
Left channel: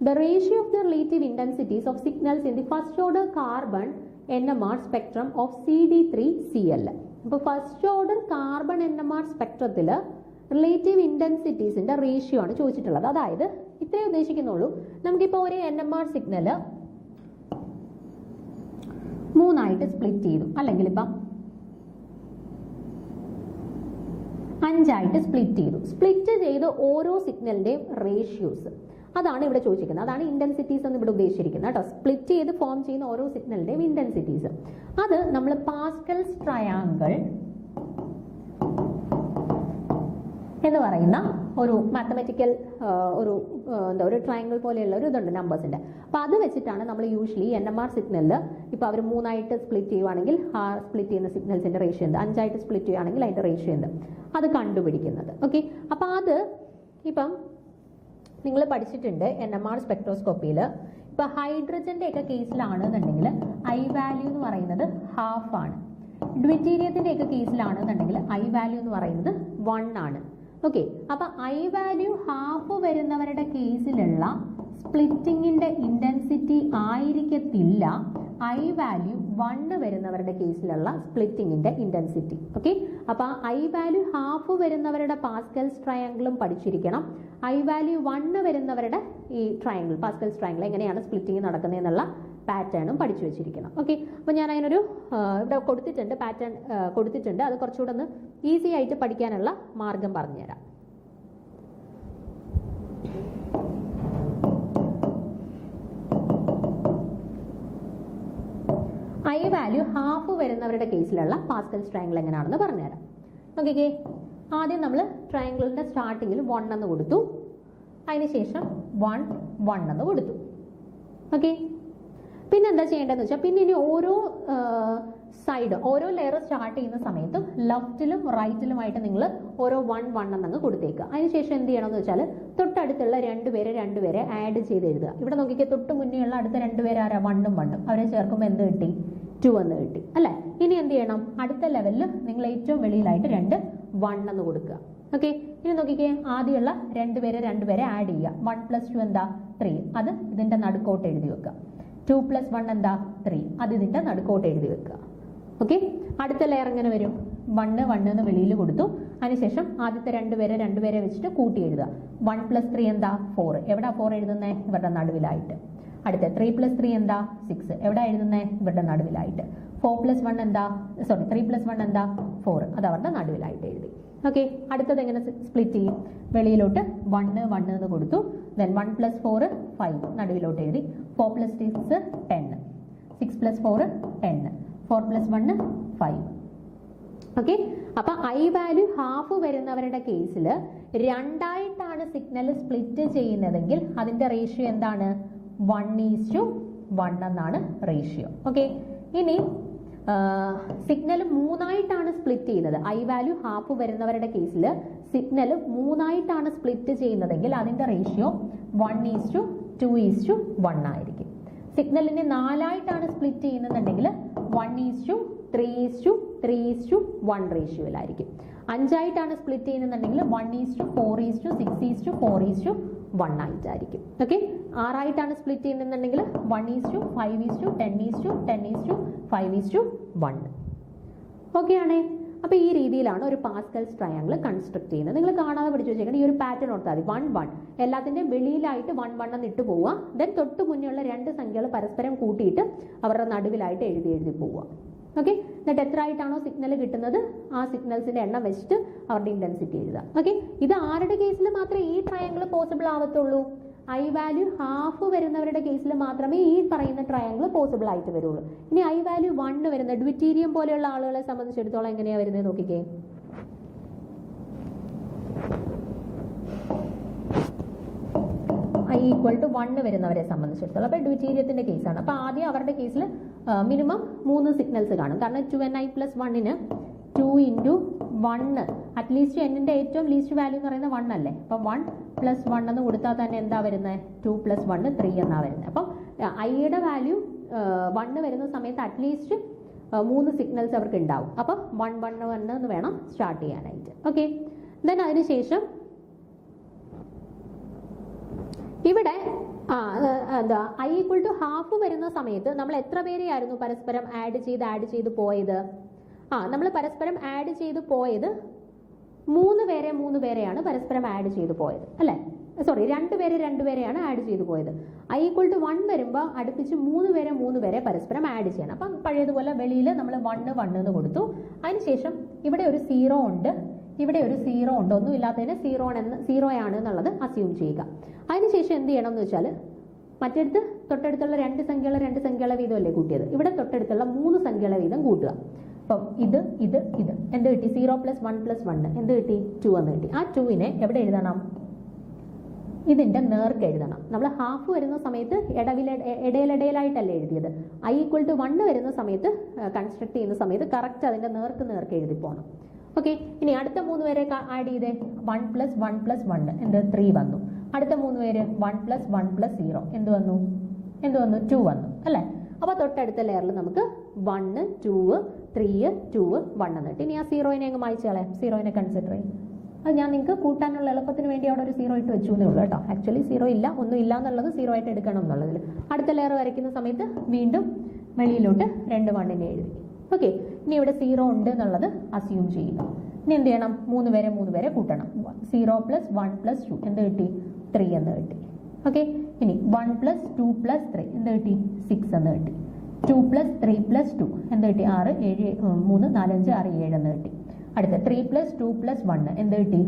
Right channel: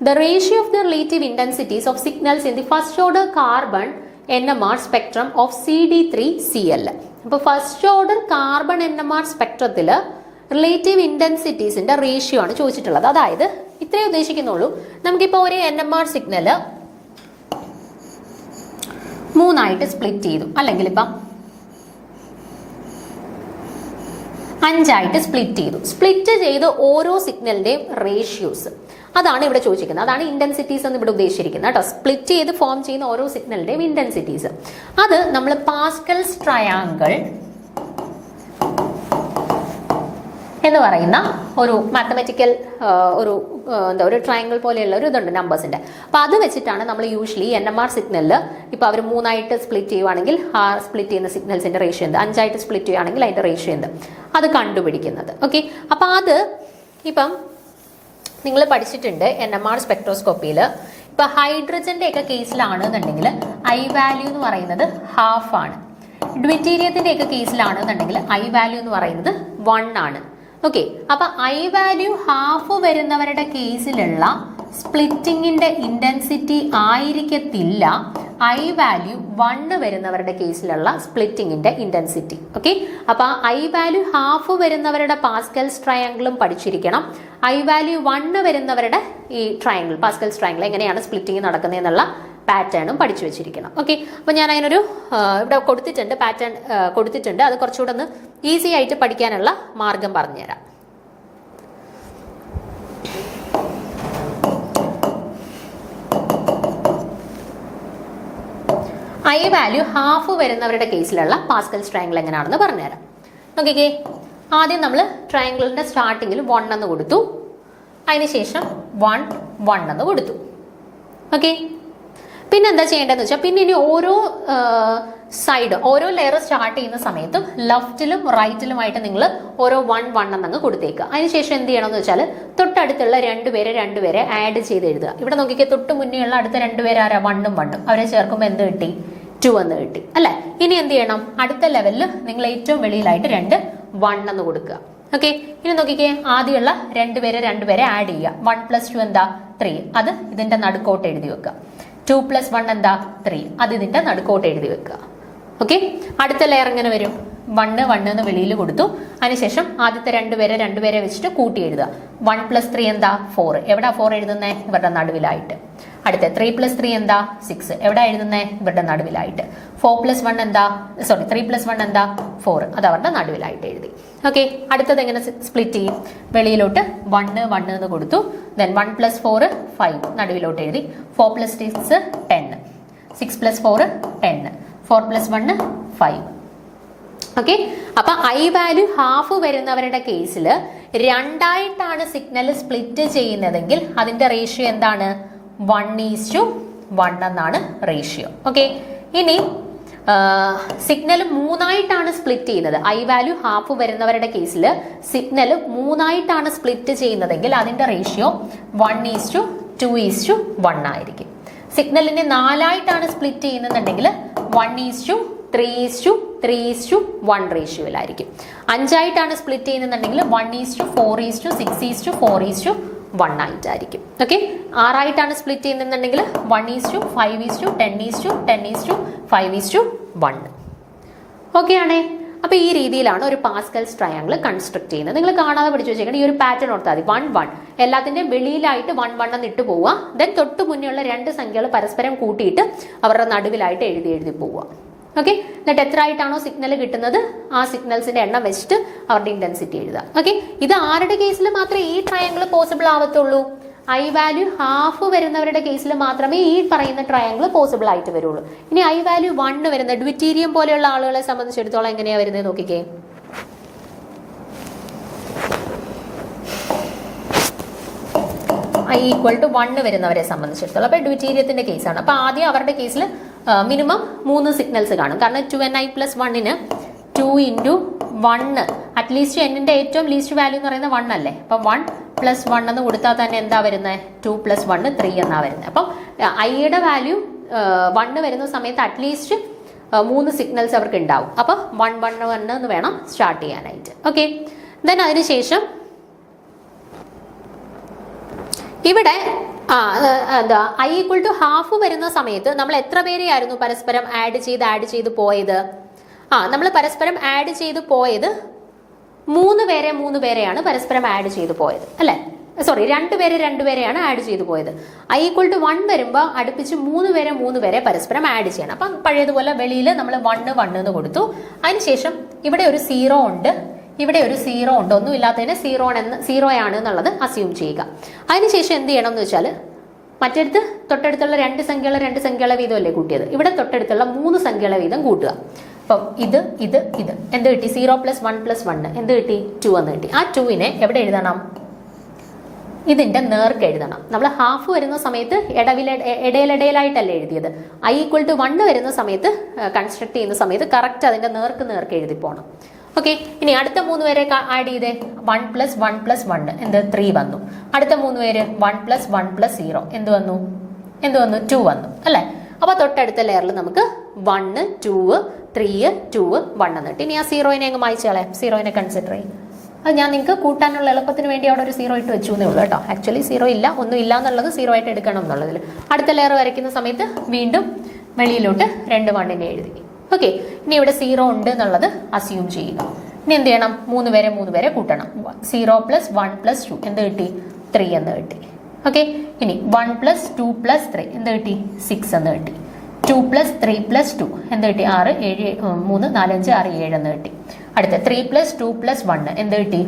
the ratio of the relative intensities of signals in the first order carbon NMR spectrum of CD3Cl. അപ്പോൾ ഫസ്റ്റ് ഓർഡർ കാർബൺ NMR സ്പെക്ട്രത്തിൽ റിലേറ്റീവ് ഇന്റൻസിറ്റീസിന്റെ റേഷ്യോ ആണ് ചോദിച്ചിട്ടുള്ളത്. അതായത് ഇത്രേ ഉദ്ദേശിക്കുന്നുള്ളൂ, നമുക്കിപ്പോൾ ഒരു NMR സിഗ്നല് 3ആയിട്ട് സ്പ്ലിറ്റ് ചെയ്തു, അല്ലെങ്കിൽ ഇപ്പം 5ആയിട്ട് സ്പ്ലിറ്റ് ചെയ്ത് ഓരോ സിഗ്നലിന്റെയും റേഷ്യോസ്, അതാണ് ഇവിടെ ചോദിച്ചിരിക്കുന്നത്. അതാണ് ഇന്റൻസിറ്റീസ് എന്ന് ഇവിടെ ഉദ്ദേശിച്ചിരിക്കുന്നത് കേട്ടോ. സ്പ്ലിറ്റ് ചെയ്ത് ഫോം ചെയ്യുന്ന ഓരോ സിഗ്നലിന്റെയും ഇന്റൻസിറ്റീസ്, അത് നമ്മൾ പാസ്കൽസ് ട്രയാങ്കിൾ എന്ന് പറയുന്ന ഒരു മാത്തമാറ്റിക്കൽ ഒരു ട്രയാങ്കിൾ പോലെയുള്ള ഒരു ഇതുണ്ട് നമ്പേഴ്സിന്റെ. അപ്പോൾ അത് വെച്ചിട്ടാണ് നമ്മൾ യൂഷ്വലി NMR സിഗ്നലിൽ ഇപ്പോൾ അവർ 3ആയിട്ട് സ്പ്ലിറ്റ് ചെയ്യുവാണെങ്കിൽ ആ സ്പ്ലിറ്റ് ചെയ്യുന്ന സിഗ്നൽസിന്റെ റേഷ്യോ എന്ത്, 5ആയിട്ട് സ്പ്ലിറ്റ് ചെയ്യുകയാണെങ്കിൽ അതിന്റെ റേഷ്യോ എന്ത്, അത് കണ്ടുപിടിക്കുന്നത്. ഓക്കെ, അപ്പോൾ അത് ഇപ്പം നിങ്ങൾ പഠിച്ചിട്ടുണ്ട് NMR സ്പെക്ട്രോസ്കോപ്പിയിൽ. ഇപ്പൊ ഹൈഡ്രജന്റെ ഒക്കെ കേസിലാണെന്നുണ്ടെങ്കിൽ I വാല്യൂ എന്ന് പറയുന്നത് 1/2 ആണ്. ഡ്യൂറ്റീരിയത്തിന്റെ ഒക്കെ കേസിലാണെന്നുണ്ടെങ്കിൽ I വാല്യൂ എന്ന് പറയുന്നത് 1 ആണ്. ഓക്കെ, അപ്പൊ I വാല്യൂ 1/2 വരുന്നവരുടെ കേസിലുള്ള സ്പ്ലിറ്റിങ്ങിന്റെ ഇന്റൻസിറ്റി ആയിരിക്കത്തില്ല I വാല്യൂ 1 വരുന്നവരുടെ കേസിലുള്ള സ്പ്ലിറ്റിങ്ങിന്റെ ഇന്റൻസിറ്റി. ഓക്കെ, അപ്പൊ I വാല്യൂ 1/2 വരുന്നവരുടെ പാസ്കൽസ് ട്രയാങ്കിളും പഠിച്ചിരിക്കണം. I വാല്യൂ 1 വരുന്നവരുടെ ഈ ട്രയാങ്കിൾ, പാസ്കൽസ് ട്രയാങ്കിൾ എങ്ങനെയാണ് സ്പ്ലിറ്റിംഗ് നടക്കുന്നത് എന്നുള്ള പാറ്റേണും പഠിച്ചു വെച്ചിരിക്കണം. ഓക്കെ, അപ്പോൾ ഞാൻ അതിനൊരു ഇവിടെ കൊടുത്തിട്ടുണ്ട്, പാറ്റേൺ കൊടുത്തിട്ടുണ്ട്. അത് കുറച്ചുകൂടെ ഒന്ന് ഈസി ആയിട്ട് പഠിക്കാനുള്ള മാർഗം പറഞ്ഞുതരാം. I വാല്യൂ 1/2 വരുന്നവരുടെ കേസിലുള്ള പാസ്കൽസ് ട്രയാങ്കിൾ എങ്ങനെയാണെന്ന് പറഞ്ഞുതരാം. നോക്കിക്കേ, ആദ്യം നമ്മൾ ട്രയാങ്കിളിൻ്റെ സ്റ്റാർട്ടിങ്ങിൽ 1 എന്ന് കൊടുത്തു, അതിനുശേഷം 1 1 എന്ന് കൊടുത്തു. ഓക്കെ, പിന്നെ എന്താ ചെയ്യേണ്ടതെന്ന് വെച്ചാൽ പിന്നെ ഇനി ഓരോ സൈഡ് ഓരോ ലെയർ സ്റ്റാർട്ട് ചെയ്യുന്ന സമയത്തും ലെഫ്റ്റിലും റൈറ്റിലുമായിട്ട് നിങ്ങൾ ഓരോ 1 1 എന്നങ്ങ് കൊടുത്തേക്കുക. അതിനുശേഷം എന്ത് ചെയ്യണമെന്ന് വെച്ചാൽ തൊട്ടടുത്തുള്ള രണ്ടുപേരെ ആഡ് ചെയ്ത് എഴുതുക. ഇവിടെ നോക്കിക്കേ, തൊട്ട് മുന്നേ ഉള്ള അടുത്ത രണ്ടുപേര് ആരാ? 1 1 അവരെ ചേർക്കുമ്പോൾ എന്ത് കിട്ടി? 2 എന്ന് കിട്ടി അല്ലേ. ഇനി എന്ത് ചെയ്യണം? അടുത്ത ലെവലിൽ നിങ്ങൾ ഏറ്റവും വെളിയിലായിട്ട് 2 1 എന്ന് കൊടുക്കുക. ഓക്കെ, ഇനി നോക്കിക്കേ, ആദ്യമുള്ള രണ്ടുപേരെ ആഡ് ചെയ്യുക. 1 + 2 എന്താ? 3. അത് ഇതിന്റെ നടുക്കോട്ട് എഴുതി വെക്കുക. 2 + 1 എന്താ? 3. അത് ഇതിന്റെ നടുക്കോട്ട് എഴുതി വെക്കുക. ഓക്കെ, അടുത്ത ലെയർ എങ്ങനെ വരും? 1 1 എന്ന് വെളിയിൽ കൊടുത്തു, അതിനുശേഷം ആദ്യത്തെ രണ്ടുപേരെ വെച്ചിട്ട് കൂട്ടി എഴുതുക. 1 + 3 എന്താ? 4. എവിടാ 4 എഴുതുന്നേ? ഇവരുടെ നടുവിലായിട്ട്. അടുത്ത 3 + 3 എന്താ? 6. എവിടെ എഴുതുന്നേ? ഇവരുടെ നടുവിലായിട്ട്. 4 + 1 എന്താ? 3 + 1 എന്താ? 4. അത് അവരുടെ നടുവിലായിട്ട് എഴുതി. ഓക്കെ, അടുത്തത് എങ്ങനെ സ്പ്ലിറ്റ് ചെയ്യും? വെളിയിലോട്ട് 1 1 എന്ന് കൊടുത്തു, ദെൻ 1 + 4 5 നടുവിലോട്ട് എഴുതി. 4 + 6 10, 6 + 4 10, 4 + 1 5. ഓക്കെ, അപ്പൊ ഐ വാല്യൂ ഹാഫ് വരുന്നവരുടെ കേസിൽ രണ്ടായിട്ടാണ് സിഗ്നൽ സ്പ്ലിറ്റ് ചെയ്യുന്നതെങ്കിൽ അതിന്റെ റേഷ്യോ എന്താണ്? 1:1 എന്നാണ് റേഷ്യോ. ഓക്കെ, ഇനി സിഗ്നൽ 3ആയിട്ടാണ് സ്പ്ലിറ്റ് ചെയ്യുന്നത്. ഐ വാല്യൂ ഹാഫ് വരുന്നവരുടെ കേസിൽ സിഗ്നൽ 3ആയിട്ടാണ് സ്പ്ലിറ്റ് ചെയ്യുന്നതെങ്കിൽ അതിന്റെ റേഷ്യോ 1:2:1 ആയിരിക്കും. സിഗ്നലിനെ 4ആയിട്ടാണ് സ്പ്ലിറ്റ് ചെയ്യുന്നുണ്ടെങ്കിൽ 1:3:3:1 റേഷ്യോയിലായിരിക്കും. 5ആയിട്ടാണ് സ്പ്ലിറ്റ് ചെയ്യുന്നുണ്ടെങ്കിൽ 1:4:6:4:1 ആയിട്ടായിരിക്കും. ഓക്കെ, 6ആയിട്ടാണ് സ്പ്ലിറ്റ് ചെയ്യുന്നുണ്ടെങ്കിൽ 1:5:10:10:5:1. ഓക്കെ ആണേ. അപ്പോൾ ഈ രീതിയിലാണ് ഒരു പാസ്കൽസ് ട്രയാങ്കിൾ കൺസ്ട്രക്ട് ചെയ്യുന്നത്. നിങ്ങൾ കാണാതെ പഠിച്ചു വെച്ചേക്കണം. ഈ ഒരു പാറ്റേൺ ഓർത്താൽ മതി. 1 1 എല്ലാത്തിൻ്റെയും വെളിയിലായിട്ട് 1 1 എന്ന് ഇട്ട് പോവുക. ദെൻ തൊട്ട് മുന്നേയുള്ള 2 സംഖ്യകൾ പരസ്പരം കൂട്ടിയിട്ട് അവരുടെ നടുവിലായിട്ട് എഴുതി പോവുക. ഓക്കെ, എന്നിട്ട് എത്ര ആയിട്ടാണോ സിഗ്നൽ കിട്ടുന്നത് ആ സിഗ്നൽസിന്റെ എണ്ണം വെച്ചിട്ട് അവരുടെ ഇന്റൻസിറ്റി എഴുതുക. ഓക്കെ, ഇത് ആരുടെ കേസിൽ മാത്രമേ ഈ ട്രയാങ്കിൾ പോസിബിൾ ആവത്തുള്ളൂ? ഐ വാല്യൂ ഹാഫ് വരുന്നവരുടെ കേസിൽ മാത്രമേ ഈ പറയുന്ന ട്രയാങ്കിൾ പോസിബിൾ ആയിട്ട് വരുള്ളൂ. ഇനി ഐ വാല്യൂ 1 വരുന്ന ഡ്വിറ്റീരിയം പോലെയുള്ള ആളുകളെ സംബന്ധിച്ചിടത്തോളം എങ്ങനെയാ വരുന്നത് നോക്കിക്കേ. I=1 വരുന്നവരെ സംബന്ധിച്ചിടത്തോളം അപ്പോൾ ഡ്വിറ്റീരിയത്തിന്റെ കേസാണ്. അപ്പോൾ ആദ്യം അവരുടെ കേസിൽ മിനിമം 3 സിഗ്നൽസ് കാണും. കാരണം 2ni + 1ന് 2 × 1 അറ്റ്ലീസ്റ്റ് എന്നിന്റെ ഏറ്റവും ലീസ്റ്റ് വാല്യൂ എന്ന് പറയുന്നത് 1 അല്ലേ. അപ്പം 1 + 1 എന്ന് കൊടുത്താൽ തന്നെ എന്താ വരുന്നത്? 2 + 1 3 എന്നാ വരുന്നത്. അപ്പം ഐയുടെ വാല്യൂ 1 വരുന്ന സമയത്ത് അറ്റ്ലീസ്റ്റ് 3 സിഗ്നൽസ് അവർക്ക് ഉണ്ടാവും. അപ്പം 1 1 1 എന്ന് വേണം സ്റ്റാർട്ട് ചെയ്യാനായിട്ട്. ഓക്കെ, ദെൻ അതിനുശേഷം ഇവിടെ എന്താ I=1/2 വരുന്ന സമയത്ത് നമ്മൾ എത്ര പേരെയായിരുന്നു പരസ്പരം ആഡ് ചെയ്ത് പോയത്? നമ്മൾ പരസ്പരം ആഡ് ചെയ്ത് പോയത് 3 പേരെയാണ് പരസ്പരം ആഡ് ചെയ്ത് പോയത് അല്ലേ. സോറി, 2 പേരെയാണ് ആഡ് ചെയ്ത് പോയത്. I=1 വരുമ്പോൾ അടുപ്പിച്ച് 3 പേരെ പരസ്പരം ആഡ് ചെയ്യണം. അപ്പം പഴയതുപോലെ വെളിയിൽ നമ്മൾ 1 1 എന്ന് കൊടുത്തു. അതിനുശേഷം ഇവിടെ ഒരു 0 ഉണ്ട്, ഇവിടെ ഒരു 0 ഉണ്ട്. ഒന്നും ഇല്ലാത്തതിന് 0 ആണ് എന്നുള്ളത് അസ്യൂം ചെയ്യുക. അതിനുശേഷം എന്ത് ചെയ്യണം എന്ന് വെച്ചാൽ മറ്റടുത്ത് തൊട്ടടുത്തുള്ള 2 സംഖ്യകളെ വീതമല്ലേ കൂട്ടിയത്, ഇവിടെ തൊട്ടടുത്തുള്ള 3 സംഖ്യകളെ വീതം കൂട്ടുക. അപ്പം ഇത് എന്ത് കിട്ടി? 0 + 1 + 1 എന്ത് കിട്ടി? 2 എന്ന് കിട്ടി. ആ 2നെ എവിടെ എഴുതണം? ഇതിന്റെ നേർക്ക് എഴുതണം. നമ്മൾ ഹാഫ് വരുന്ന സമയത്ത് ഇടയിലായിട്ടല്ലേ എഴുതിയത്. I=1 വരുന്ന സമയത്ത് കൺസ്ട്രക്ട് ചെയ്യുന്ന സമയത്ത് കറക്റ്റ് അതിന്റെ നേർക്ക് എഴുതി പോകണം. ഓക്കെ, ഇനി അടുത്ത 3 പേരെ ആഡ് ചെയ്തേ. 1 + 1 + 1 എന്ത്? 3 വന്നു. അടുത്ത 3 പേര് 1 + 1 + 0 എന്ത് വന്നു? 2 വന്നു അല്ലേ. അപ്പോൾ തൊട്ടടുത്ത ലെയറിൽ നമുക്ക് 1 2 3 2 1 എന്ന് കിട്ടി. ഇനി ആ 0നെ അങ്ങ് മായ്ച്ചു കളയാം. 0നെ കൺസിഡർ ചെയ്യും. അത് ഞാൻ നിങ്ങൾക്ക് കൂട്ടാനുള്ള എളുപ്പത്തിന് വേണ്ടി അവിടെ ഒരു 0 ഇട്ട് വെച്ചു എന്നേ ഉള്ളൂ കേട്ടോ. ആക്ച്വലി 0 ഇല്ല, ഒന്നും ഇല്ല എന്നുള്ളത് 0 ആയിട്ട് എടുക്കണം എന്നുള്ളതിൽ. അടുത്ത ലെയർ വരയ്ക്കുന്ന സമയത്ത് വീണ്ടും വെളിയിലോട്ട് 2 1നെ എഴുതി. ഓക്കെ, ഇനി ഇവിടെ 0 ഉണ്ട് എന്നുള്ളത് അസ്യൂം ചെയ്യുക. ഇനി എന്ത് ചെയ്യണം? 3 പേരെ കൂട്ടണം. 0 + 1 + 2 എന്ത് കിട്ടി? 3 എന്ന് കിട്ടി. ഓക്കെ, ഇനി 1 + 2 + 3 എന്ത് കിട്ടി? 6 എന്ന് കിട്ടി. 2 + 3 + 2 എന്ത് കിട്ടി? 6 7 3 4 5 6 7 എന്ന് കിട്ടി. അടുത്ത 3 + 2 + 1 എന്ത് കിട്ടി?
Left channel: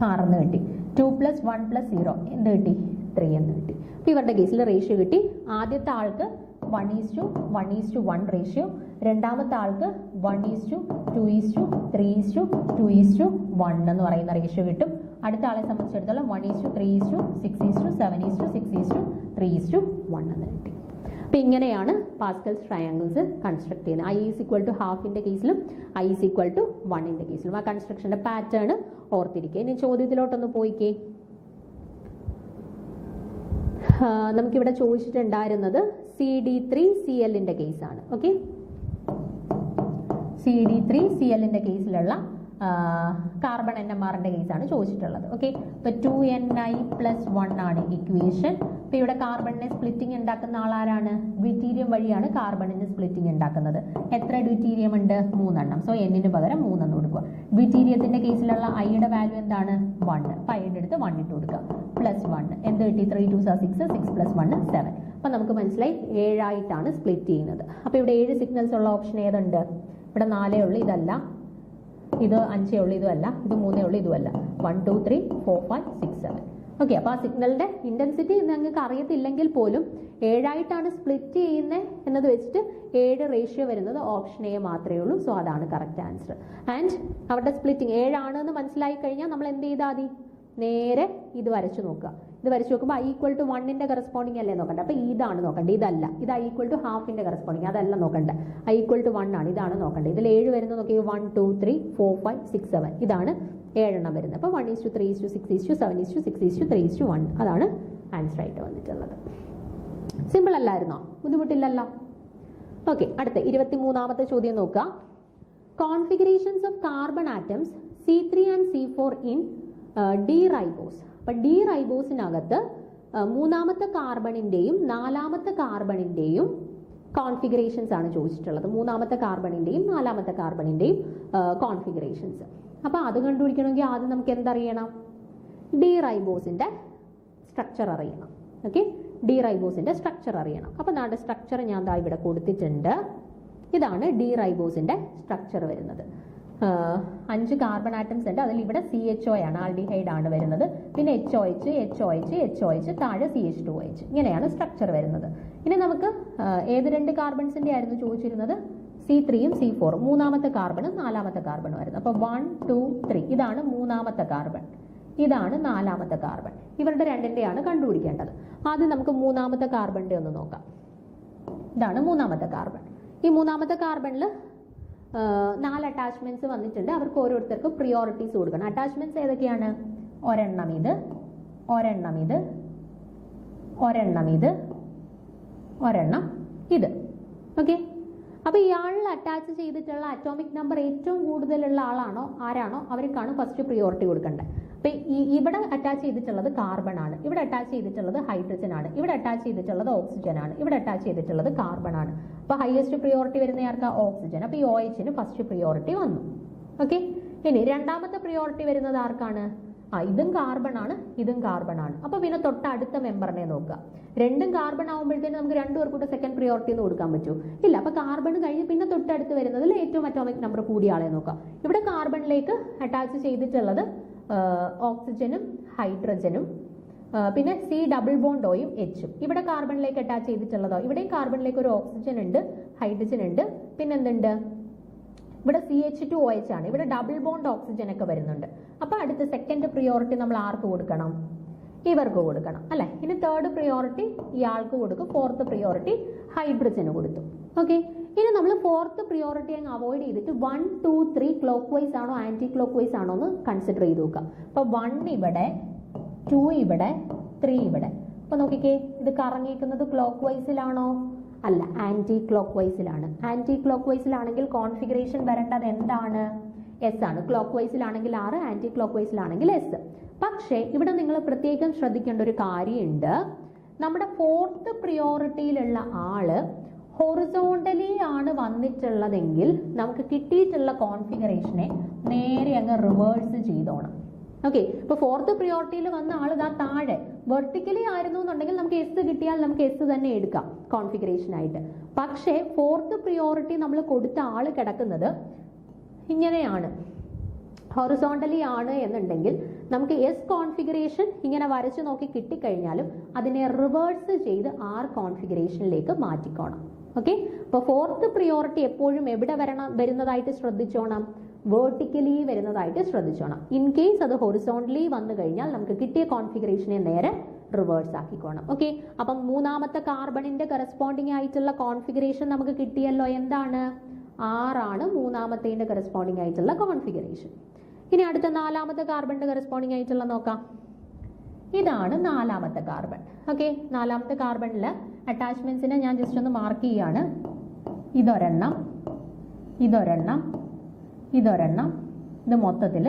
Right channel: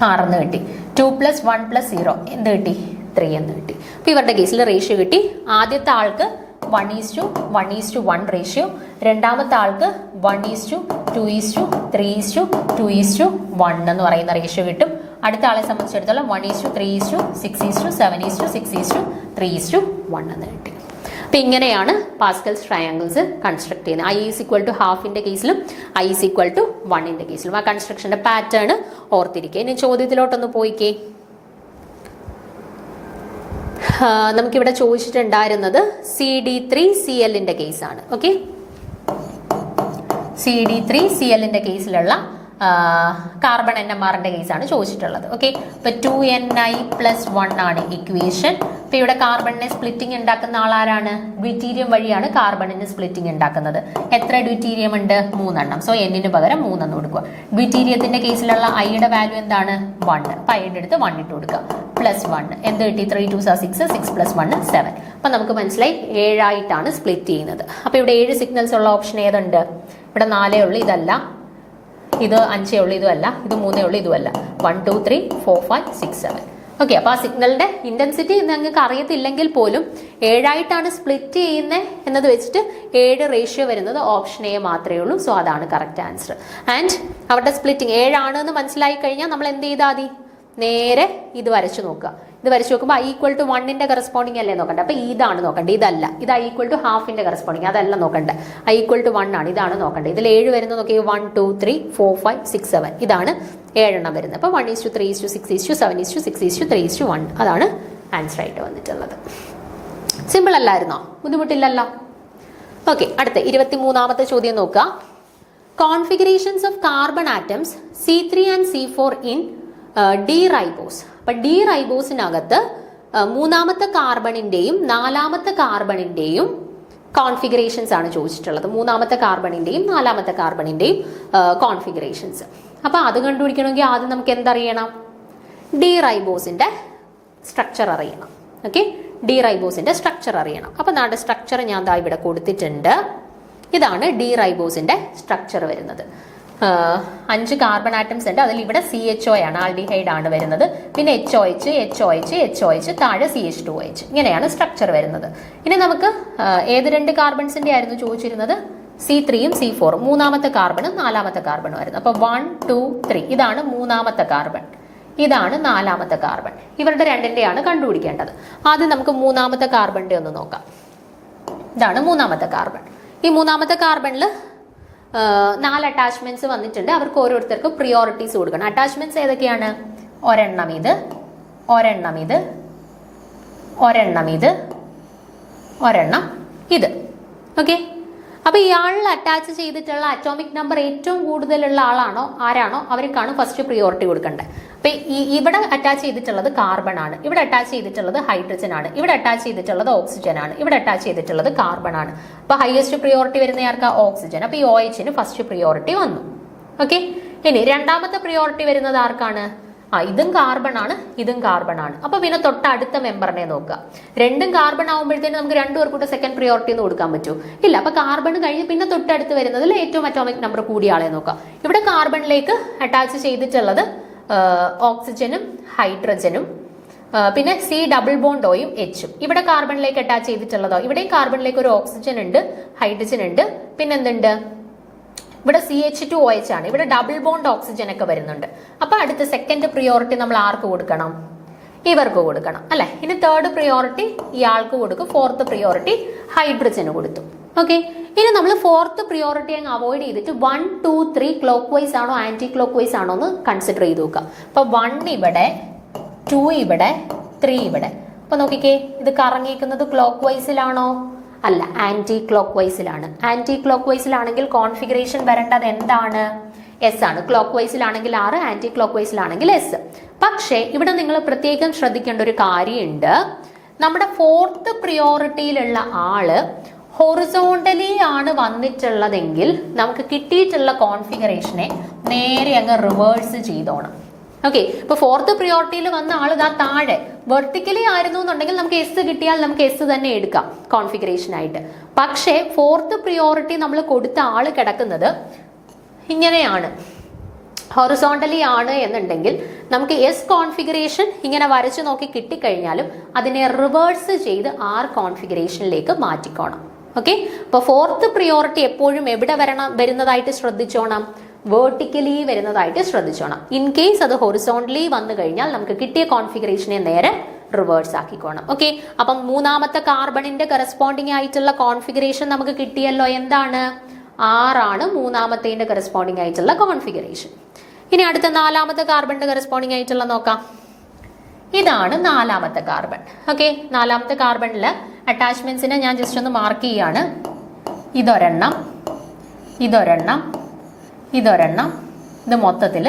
6 എന്ന് കിട്ടി. 2 + 1 + 0 എന്ത് കിട്ടി? 3 എന്ന് കിട്ടി. അപ്പോൾ ഇവരുടെ കേസിൽ റേഷ്യോ കിട്ടി. ആദ്യത്തെ ആൾക്ക് 1:1 റേഷ്യോ, രണ്ടാമത്തെ ആൾക്ക് 1:2:3:2:1 എന്ന് പറയുന്ന റേഷ്യോ കിട്ടും. അടുത്ത ആളെ സംബന്ധിച്ചിടത്തോളം 1:3:6:6:7:6:3:1 എന്ന് കിട്ടി. അപ്പം ഇങ്ങനെയാണ് പാസ്കൽസ് ട്രയാങ്കിൾസ് കൺസ്ട്രക്ട് ചെയ്യുന്നത്. I is equal to ഹാഫിൻ്റെ കേസിലും I is equal to 1 കേസിലും ആ കൺസ്ട്രക്ഷൻ്റെ പാറ്റേൺ ഓർത്തിരിക്കുക. ഇനി ചോദ്യത്തിലോട്ടൊന്ന് പോയിക്കേ. നമുക്കിവിടെ ചോദിച്ചിട്ടുണ്ടായിരുന്നത് CD3Cl കേസാണ്. ഓക്കെ, CD3Cl കേസിലുള്ള കാർബൺ NMRന്റെ കേസാണ് ചോദിച്ചിട്ടുള്ളത്. ഓക്കെ, ഇപ്പൊ 2ni+1 ആണ് ഇക്വേഷൻ. ഇപ്പൊ ഇവിടെ കാർബണിനെ സ്പ്ലിറ്റിംഗ് ഉണ്ടാക്കുന്ന ആളാരാണ്? ഡ്യൂറ്റീരിയം വഴിയാണ് കാർബണിന് സ്പ്ലിറ്റിംഗ് ഉണ്ടാക്കുന്നത്. എത്ര ഡ്യൂറ്റീരിയം ഉണ്ട്? 3 എണ്ണം. സോ എന്നിന് പകരം 3 എന്ന് കൊടുക്കുക. ഡ്യൂറ്റീരിയത്തിന്റെ കേസിലുള്ള ഐയുടെ വാല്യൂ എന്താണ്? 1. അപ്പൊ ഐയുടെ അടുത്ത് 1 ഇട്ട് കൊടുക്കുക. +1 എന്ത് കിട്ടി? 3 2 6 6 + 1 7. അപ്പൊ നമുക്ക് മനസ്സിലായി 7 ആയിട്ടാണ് സ്പ്ലിറ്റ് ചെയ്യുന്നത്. അപ്പൊ ഇവിടെ 7 സിഗ്നൽസ് ഉള്ള ഓപ്ഷൻ ഏതുണ്ട്? ഇവിടെ 4 ഉള്ളു, ഇതല്ല. ഇത് 5 ഉള്ളു, ഇതുമല്ല. ഇത് 3 ഉള്ളു, ഇതുമല്ല. 1 2 3 4 5 6 7. ഓക്കെ, അപ്പോൾ ആ സിഗ്നലിന്റെ ഇന്റൻസിറ്റി നിങ്ങൾക്ക് അറിയത്തില്ലെങ്കിൽ പോലും 7 ആയിട്ടാണ് സ്പ്ലിറ്റ് ചെയ്യുന്നത് എന്നത് വെച്ചിട്ട് 7 റേഷ്യോ വരുന്നത് ഓപ്ഷൻ എ മാത്രമേ ഉള്ളൂ. സോ അതാണ് കറക്റ്റ് ആൻസർ. ആൻഡ് അവരുടെ സ്പ്ലിറ്റിംഗ് 7 ആണെന്ന് മനസ്സിലായി കഴിഞ്ഞാൽ നമ്മൾ എന്ത് ചെയ്താൽ മതി? നേരെ ഇത് വരച്ചു നോക്കുക. ഇത് വരച്ചു നോക്കുമ്പോൾ I=1 കറസ്പോണ്ടിങ് അല്ലേ നോക്കണ്ടേ? അപ്പോൾ ഇതാണ് നോക്കണ്ടേ, ഇതല്ല. ഇത് I=1/2 കറസ്പോണ്ടിങ്, അതല്ല നോക്കണ്ടേ. I=1 ആണ്, ഇതാണ് നോക്കണ്ടേ. ഇതിൽ 7 വരുന്നത് നോക്കിയാൽ 1 2 3 4 5 6 7 ഇതാണ് 7 എണ്ണം വരുന്നത്. അപ്പോൾ 1:3:6:7:6:3:1 അതാണ് ആൻസർ ആയിട്ട് വന്നിട്ടുള്ളത്. സിമ്പിൾ അല്ലായിരുന്നോ? ബുദ്ധിമുട്ടില്ലല്ലോ. ഓക്കെ, അടുത്ത 23ാമത്തെ ചോദ്യം നോക്കുക. Configurations of carbon atoms C3 and C4 in D ribose. അപ്പൊ ഡി റൈബോസിനകത്ത് 3ാമത്തെ കാർബണിന്റെയും 4ാമത്തെ കാർബണിന്റെയും കോൺഫിഗറേഷൻസ് ആണ് ചോദിച്ചിട്ടുള്ളത്. 3ാമത്തെ കാർബണിന്റെയും 4ാമത്തെ കാർബണിന്റെയും കോൺഫിഗറേഷൻസ്. അപ്പൊ അത് കണ്ടുപിടിക്കണമെങ്കിൽ ആദ്യം നമുക്ക് എന്തറിയണം? ഡി റൈബോസിന്റെ സ്ട്രക്ചർ അറിയണം. ഓക്കെ, ഡി റൈബോസിന്റെ സ്ട്രക്ചർ അറിയണം. അപ്പൊ നമ്മുടെ സ്ട്രക്ചർ ഞാൻ ദാ ഇവിടെ കൊടുത്തിട്ടുണ്ട്. ഇതാണ് ഡി റൈബോസിന്റെ സ്ട്രക്ചർ വരുന്നത്. 5 കാർബൺ ആറ്റംസ് ഉണ്ട്. അതിൽ ഇവിടെ CHO ആണ്, ആൽഡിഹൈഡ് ആണ് വരുന്നത്. പിന്നെ HOH താഴെ CH2OH. ഇങ്ങനെയാണ് സ്ട്രക്ചർ വരുന്നത്. ഇനി നമുക്ക് ഏത് 2 കാർബൺസിന്റെ ആയിരുന്നു ചോദിച്ചിരുന്നത്? C3യും C4ഉം. 3ാമത്തെ കാർബണും 4ാമത്തെ കാർബണും ആയിരുന്നു. അപ്പൊ 1 2 3 ഇതാണ് 3ാമത്തെ കാർബൺ, ഇതാണ് 4ാമത്തെ കാർബൺ. ഇവരുടെ രണ്ടിന്റെയാണ് കണ്ടുപിടിക്കേണ്ടത്. ആദ്യം നമുക്ക് 3ാമത്തെ കാർബണിന്റെ ഒന്ന് നോക്കാം. ഇതാണ് 3ാമത്തെ കാർബൺ. ഈ 3ാമത്തെ കാർബണിൽ 4 അറ്റാച്ച്മെന്റ്സ് വന്നിട്ടുണ്ട്. അവർക്ക് ഓരോരുത്തർക്കും പ്രിയോറിറ്റീസ് കൊടുക്കണം. അറ്റാച്ച്മെന്റ്സ് ഏതൊക്കെയാണ്? ഒരെണ്ണം ഇത്, ഒരെണ്ണം ഇത്, ഒരെണ്ണം ഇത്, ഒരെണ്ണം ഇത്. ഓക്കെ, അപ്പൊ ഇയാളിൽ അറ്റാച്ച് ചെയ്തിട്ടുള്ള അറ്റോമിക് നമ്പർ ഏറ്റവും കൂടുതലുള്ള ആരാണോ അവർക്കാണ് ഫസ്റ്റ് പ്രിയോറിറ്റി കൊടുക്കേണ്ടത്. അപ്പൊ ഇവിടെ അറ്റാച്ച് ചെയ്തിട്ടുള്ളത് കാർബൺ ആണ്, ഇവിടെ അറ്റാച്ച് ചെയ്തിട്ടുള്ളത് ഹൈഡ്രജൻ ആണ്, ഇവിടെ അറ്റാച്ച് ചെയ്തിട്ടുള്ളത് ഓക്സിജൻ ആണ്, ഇവിടെ അറ്റാച്ച് ചെയ്തിട്ടുള്ളത് കാർബൺ ആണ്. അപ്പൊ ഹയസ്റ്റ് പ്രിയോറിറ്റി വരുന്ന ആർക്കാ? ഓക്സിജൻ. അപ്പൊ ഈ OHന് ഫസ്റ്റ് പ്രിയോറിറ്റി വന്നു. ഓക്കെ, ഇനി രണ്ടാമത്തെ പ്രിയോറിറ്റി വരുന്നത് ആർക്കാണ്? ഇതും കാർബൺ ആണ്, ഇതും കാർബൺ ആണ്. അപ്പൊ പിന്നെ തൊട്ടടുത്ത മെമ്പറിനെ നോക്കുക. രണ്ടും കാർബൺ ആകുമ്പോഴത്തേനും നമുക്ക് 2 പേർക്കൂടെ സെക്കൻഡ് പ്രിയോറിറ്റി എന്ന് കൊടുക്കാൻ പറ്റൂ? ഇല്ല. അപ്പൊ കാർബൺ കഴിഞ്ഞ് പിന്നെ തൊട്ടടുത്ത് വരുന്നതിൽ ഏറ്റവും അറ്റോമിക് നമ്പർ കൂടിയ ആളെ നോക്കാം. ഇവിടെ കാർബണിലേക്ക് അറ്റാച്ച് ചെയ്തിട്ടുള്ളത് ഓക്സിജനും ഹൈഡ്രജനും പിന്നെ C+Oയും Hഉം. ഇവിടെ കാർബണിലേക്ക് അറ്റാച്ച് ചെയ്തിട്ടുള്ളതോ? ഇവിടെയും കാർബണിലേക്ക് ഒരു ഓക്സിജൻ ഉണ്ട്, ഹൈഡ്രജൻ ഉണ്ട്, പിന്നെ എന്തുണ്ട്? ഇവിടെ CH2OH ആണ്. ഇവിടെ ഡബിൾ ബോണ്ട് ഓക്സിജൻ ഒക്കെ വരുന്നുണ്ട്. അപ്പൊ അടുത്ത സെക്കൻഡ് പ്രിയോറിറ്റി നമ്മൾ ആർക്ക് കൊടുക്കണം? ഇവർക്ക് കൊടുക്കണം അല്ലെ. ഇനി തേർഡ് പ്രിയോറിറ്റി ഇയാൾക്ക് കൊടുക്കും. ഫോർത്ത് പ്രിയോറിറ്റി ഹൈഡ്രജന് കൊടുത്തു. ഓക്കെ, ഇനി നമ്മൾ ഫോർത്ത് പ്രിയോറിറ്റി അങ്ങ് അവോയ്ഡ് ചെയ്തിട്ട് 1 2 3 ക്ലോക്ക് വൈസ് ആണോ ആന്റി ക്ലോക്ക് വൈസ് ആണോ എന്ന് കൺസിഡർ ചെയ്ത് നോക്കുക. അപ്പൊ 1 ഇവിടെ, 2 ഇവിടെ, 3 ഇവിടെ. അപ്പൊ നോക്കിക്കേ, ഇത് കറങ്ങിയിരിക്കുന്നത് ക്ലോക്ക് വൈസിലാണോ? അല്ല, ആന്റി ക്ലോക്ക് വൈസിലാണ്. ആന്റി ക്ലോക്ക് വൈസിലാണെങ്കിൽ കോൺഫിഗറേഷൻ വരേണ്ടത് എന്താണ്? S ആണ്. ക്ലോക്ക് വൈസിലാണെങ്കിൽ R, ആന്റി ക്ലോക്ക് വൈസിലാണെങ്കിൽ S. പക്ഷേ ഇവിടെ നിങ്ങൾ പ്രത്യേകം ശ്രദ്ധിക്കേണ്ട ഒരു കാര്യമുണ്ട്. നമ്മുടെ ഫോർത്ത് പ്രിയോറിറ്റിയിലുള്ള ആള് ഹൊറിസോണ്ടലി ആണ് വന്നിട്ടുള്ളതെങ്കിൽ നമുക്ക് കിട്ടിയിട്ടുള്ള കോൺഫിഗറേഷനെ നേരെ അങ്ങ് റിവേഴ്സ് ചെയ്തോണം. ഓക്കെ, ഇപ്പൊ ഫോർത്ത് പ്രിയോറിറ്റിയിൽ വന്ന ആൾ ഇതാ താഴെ വെർട്ടിക്കലി ആയിരുന്നു എന്നുണ്ടെങ്കിൽ നമുക്ക് S കിട്ടിയാൽ നമുക്ക് S തന്നെ എടുക്കാം കോൺഫിഗറേഷൻ ആയിട്ട്. പക്ഷേ ഫോർത്ത് പ്രിയോറിറ്റി നമ്മൾ കൊടുത്ത ആള് കിടക്കുന്നത് ഇങ്ങനെയാണ്, ഹൊറിസോണ്ടലി ആണ് എന്നുണ്ടെങ്കിൽ നമുക്ക് എസ് കോൺഫിഗറേഷൻ ഇങ്ങനെ വരച്ചു നോക്കി കിട്ടിക്കഴിഞ്ഞാലും അതിനെ റിവേഴ്സ് ചെയ്ത് ആർ കോൺഫിഗറേഷനിലേക്ക് മാറ്റിക്കോണം. ഓക്കെ, അപ്പോൾ ഫോർത്ത് പ്രിയോറിറ്റി എപ്പോഴും എവിടെ വരുന്നതായിട്ട് ശ്രദ്ധിച്ചോണം? വേർട്ടിക്കലി വരുന്നതായിട്ട് ശ്രദ്ധിച്ചോണം. ഇൻ കേസ് അത് ഹൊറിസോണ്ടലി വന്നു കഴിഞ്ഞാൽ നമുക്ക് കിട്ടിയ കോൺഫിഗറേഷനെ നേരെ റിവേഴ്സ് ആക്കിക്കോണം. ഓക്കെ, അപ്പം മൂന്നാമത്തെ കാർബണിന്റെ കറസ്പോണ്ടിങ് ആയിട്ടുള്ള കോൺഫിഗറേഷൻ നമുക്ക് കിട്ടിയല്ലോ. എന്താണ്? ആറാണ് മൂന്നാമത്തേന്റെ കറസ്പോണ്ടിങ് ആയിട്ടുള്ള കോൺഫിഗറേഷൻ. ഇനി അടുത്ത നാലാമത്തെ കാർബണിന്റെ കറസ്പോണ്ടിങ് ആയിട്ടുള്ള നോക്കാം. ഇതാണ് നാലാമത്തെ കാർബൺ. ഓക്കെ, നാലാമത്തെ കാർബണില് അറ്റാച്ച്മെന്റ്സിനെ ഞാൻ ജസ്റ്റ് ഒന്ന് മാർക്ക് ചെയ്യാണ്. ഇതൊരെണ്ണം, ഇതൊരെണ്ണം, ഇതൊരെണ്ണം, ഇത് മൊത്തത്തിൽ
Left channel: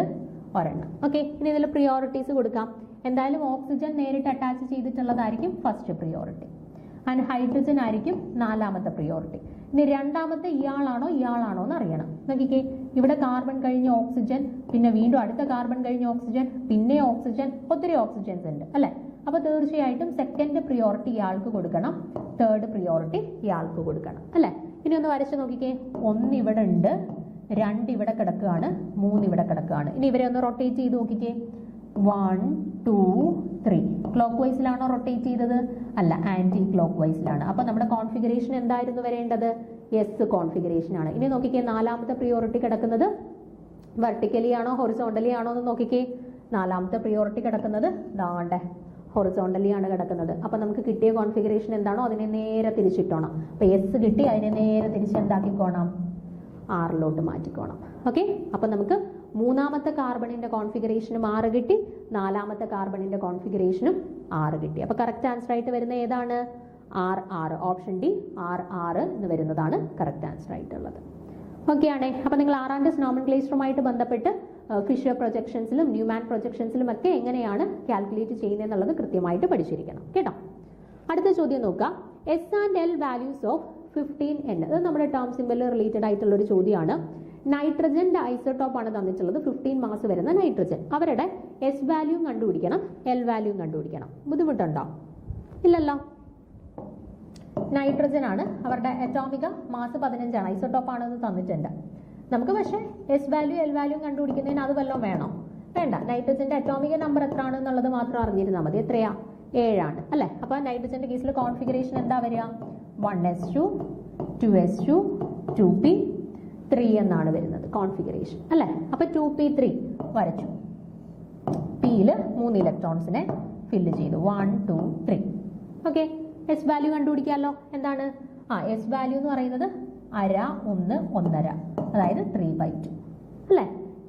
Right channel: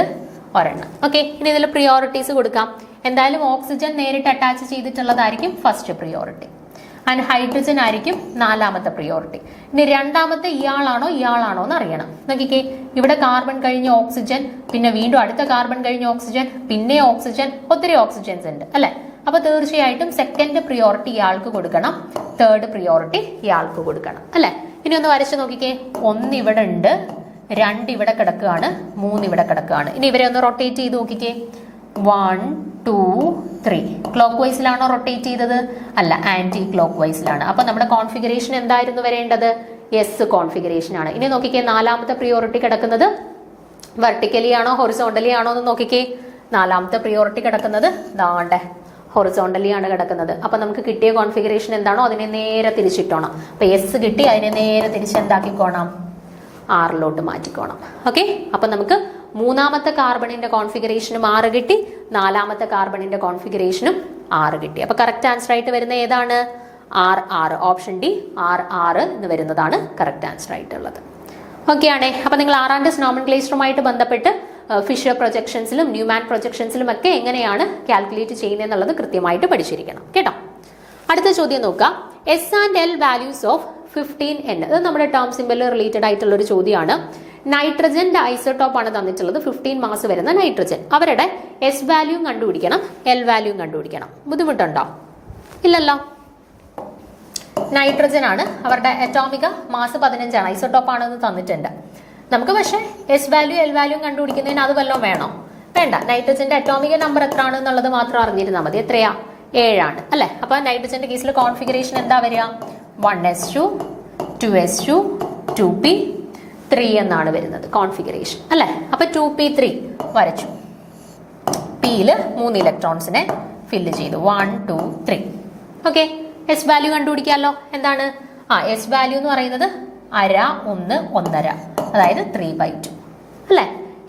ഒരെണ്ണം. ഓക്കെ, ഇനി ഇതിൽ പ്രിയോറിറ്റീസ് കൊടുക്കാം. എന്തായാലും ഓക്സിജൻ നേരിട്ട് അറ്റാച്ച് ചെയ്തിട്ടുള്ളതായിരിക്കും ഫസ്റ്റ് പ്രിയോറിറ്റി, ആൻഡ് ഹൈഡ്രജൻ ആയിരിക്കും നാലാമത്തെ പ്രിയോറിറ്റി. ഇനി രണ്ടാമത്തെ ഇയാളാണോ ഇയാളാണോ എന്ന് അറിയണം. നോക്കിക്കേ, ഇവിടെ കാർബൺ കഴിഞ്ഞ് ഓക്സിജൻ, പിന്നെ വീണ്ടും അടുത്ത കാർബൺ കഴിഞ്ഞ് ഓക്സിജൻ, പിന്നെ ഓക്സിജൻ, ഒത്തിരി ഓക്സിജൻസ് ഉണ്ട് അല്ലെ. അപ്പൊ തീർച്ചയായിട്ടും സെക്കൻഡ് പ്രിയോറിറ്റി ഇയാൾക്ക് കൊടുക്കണം, തേർഡ് പ്രിയോറിറ്റി ഇയാൾക്ക് കൊടുക്കണം അല്ലെ. ഇനി ഒന്ന് വരച്ച് നോക്കിക്കേ, ഒന്ന് ഇവിടെ ഉണ്ട്, രണ്ട് ഇവിടെ കിടക്കുകയാണ്, മൂന്ന് ഇവിടെ കിടക്കുകയാണ്. ഇനി ഇവരെ ഒന്ന് റൊട്ടേറ്റ് ചെയ്ത് നോക്കിക്കേ. 1 2 3 ക്ലോക്ക് വൈസിലാണോ റൊട്ടേറ്റ് ചെയ്തത്? അല്ല, ആന്റി ക്ലോക്ക് വൈസിലാണ്. അപ്പൊ നമ്മുടെ കോൺഫിഗറേഷൻ എന്തായിരുന്നു വരേണ്ടത്? എസ് കോൺഫിഗറേഷൻ ആണ്. ഇനി നോക്കിക്കേ, നാലാമത്തെ പ്രിയോറിറ്റി കിടക്കുന്നത് വെർട്ടിക്കലി ആണോ ഹൊറിസോണ്ടലി ആണോ എന്ന് നോക്കിക്കേ. നാലാമത്തെ പ്രിയോറിറ്റി കിടക്കുന്നത് ദാണ്ടെ ഹൊറിസോണ്ടലി ആണ് കിടക്കുന്നത്. അപ്പൊ നമുക്ക് കിട്ടിയ കോൺഫിഗറേഷൻ എന്താണോ അതിനെ നേരെ തിരിച്ചിട്ടോണം. അപ്പൊ എസ് കിട്ടി, അതിനെ നേരെ തിരിച്ച് എന്താക്കിക്കോണം? ആറിലോട്ട് മാറ്റിക്കോണം. ഓക്കെ, അപ്പൊ നമുക്ക് മൂന്നാമത്തെ കാർബണിന്റെ കോൺഫിഗറേഷനും 6 കിട്ടി, നാലാമത്തെ കാർബണിന്റെ കോൺഫിഗറേഷനും 6 കിട്ടി. അപ്പൊ കറക്റ്റ് ആൻസർ ആയിട്ട് വരുന്ന ഏതാണ്? R. ഓപ്ഷൻ ഡി R എന്ന് വരുന്നതാണ് കറക്റ്റ് ആൻസർ ആയിട്ടുള്ളത്. ഓക്കെ ആണേ. അപ്പൊ നിങ്ങൾ ആറാൻഡസ് നോമൻക്ലേച്ചറുമായിട്ട് ബന്ധപ്പെട്ട് ഫിഷർ പ്രൊജക്ഷൻസിലും ന്യൂമാൻ പ്രൊജക്ഷൻസിലും ഒക്കെ എങ്ങനെയാണ് കാൽക്കുലേറ്റ് ചെയ്യുന്നത് എന്നുള്ളത് കൃത്യമായിട്ട് പഠിച്ചിരിക്കണം കേട്ടോ. അടുത്ത ചോദ്യം നോക്കാം. S and L values of 15N. ഇത് നമ്മുടെ ടേം സിംബൽ റിലേറ്റഡ് ആയിട്ടുള്ള ഒരു ചോദ്യമാണ്. നൈട്രജന്റെ ഐസോടോപ്പ് ആണ് തന്നിട്ടുള്ളത്, 15 മാസ് വരുന്ന നൈട്രജൻ. അവരുടെ എസ് വാല്യൂ കണ്ടുപിടിക്കണം, എൽ വാല്യൂ കണ്ടുപിടിക്കണം. ബുദ്ധിമുട്ടുണ്ടോ? ഇല്ലല്ലോ. നൈട്രജൻ ആണ്, അവരുടെ അറ്റോമിക മാസ് 15 ആണ്, ഐസോടോപ്പ് ആണെന്ന് തന്നിട്ടുണ്ട്. നമുക്ക് പക്ഷേ എസ് വാല്യൂ എൽ വാല്യൂ കണ്ടുപിടിക്കുന്നതിന് അത് വല്ലതും വേണോ? വേണ്ട. നൈട്രജന്റെ അറ്റോമിക നമ്പർ എത്ര ആണെന്നുള്ളത് മാത്രം അറിഞ്ഞിരുന്നാൽ മതി. എത്രയാ? 7 ആണ് അല്ലെ. അപ്പൊ നൈട്രജന്റെ കേസിൽ കോൺഫിഗറേഷൻ എന്താ വരിക? 1s2 2s2 2p 3 എന്നാണ് വരുന്നത് കോൺഫിഗറേഷൻ അല്ലെ. അപ്പൊ 2p3 വരച്ചു. പിയില് 3 ഇലക്ട്രോൺസിനെ ഫില്ല് ചെയ്തു. 1 2 3. ഓക്കെ, എസ് വാല്യൂ കണ്ടുപിടിക്കാമല്ലോ. എന്താണ്? എസ് വാല്യൂ എന്ന് പറയുന്നത് 1/2 1 1/2, അതായത് 3/2 അല്ലെ.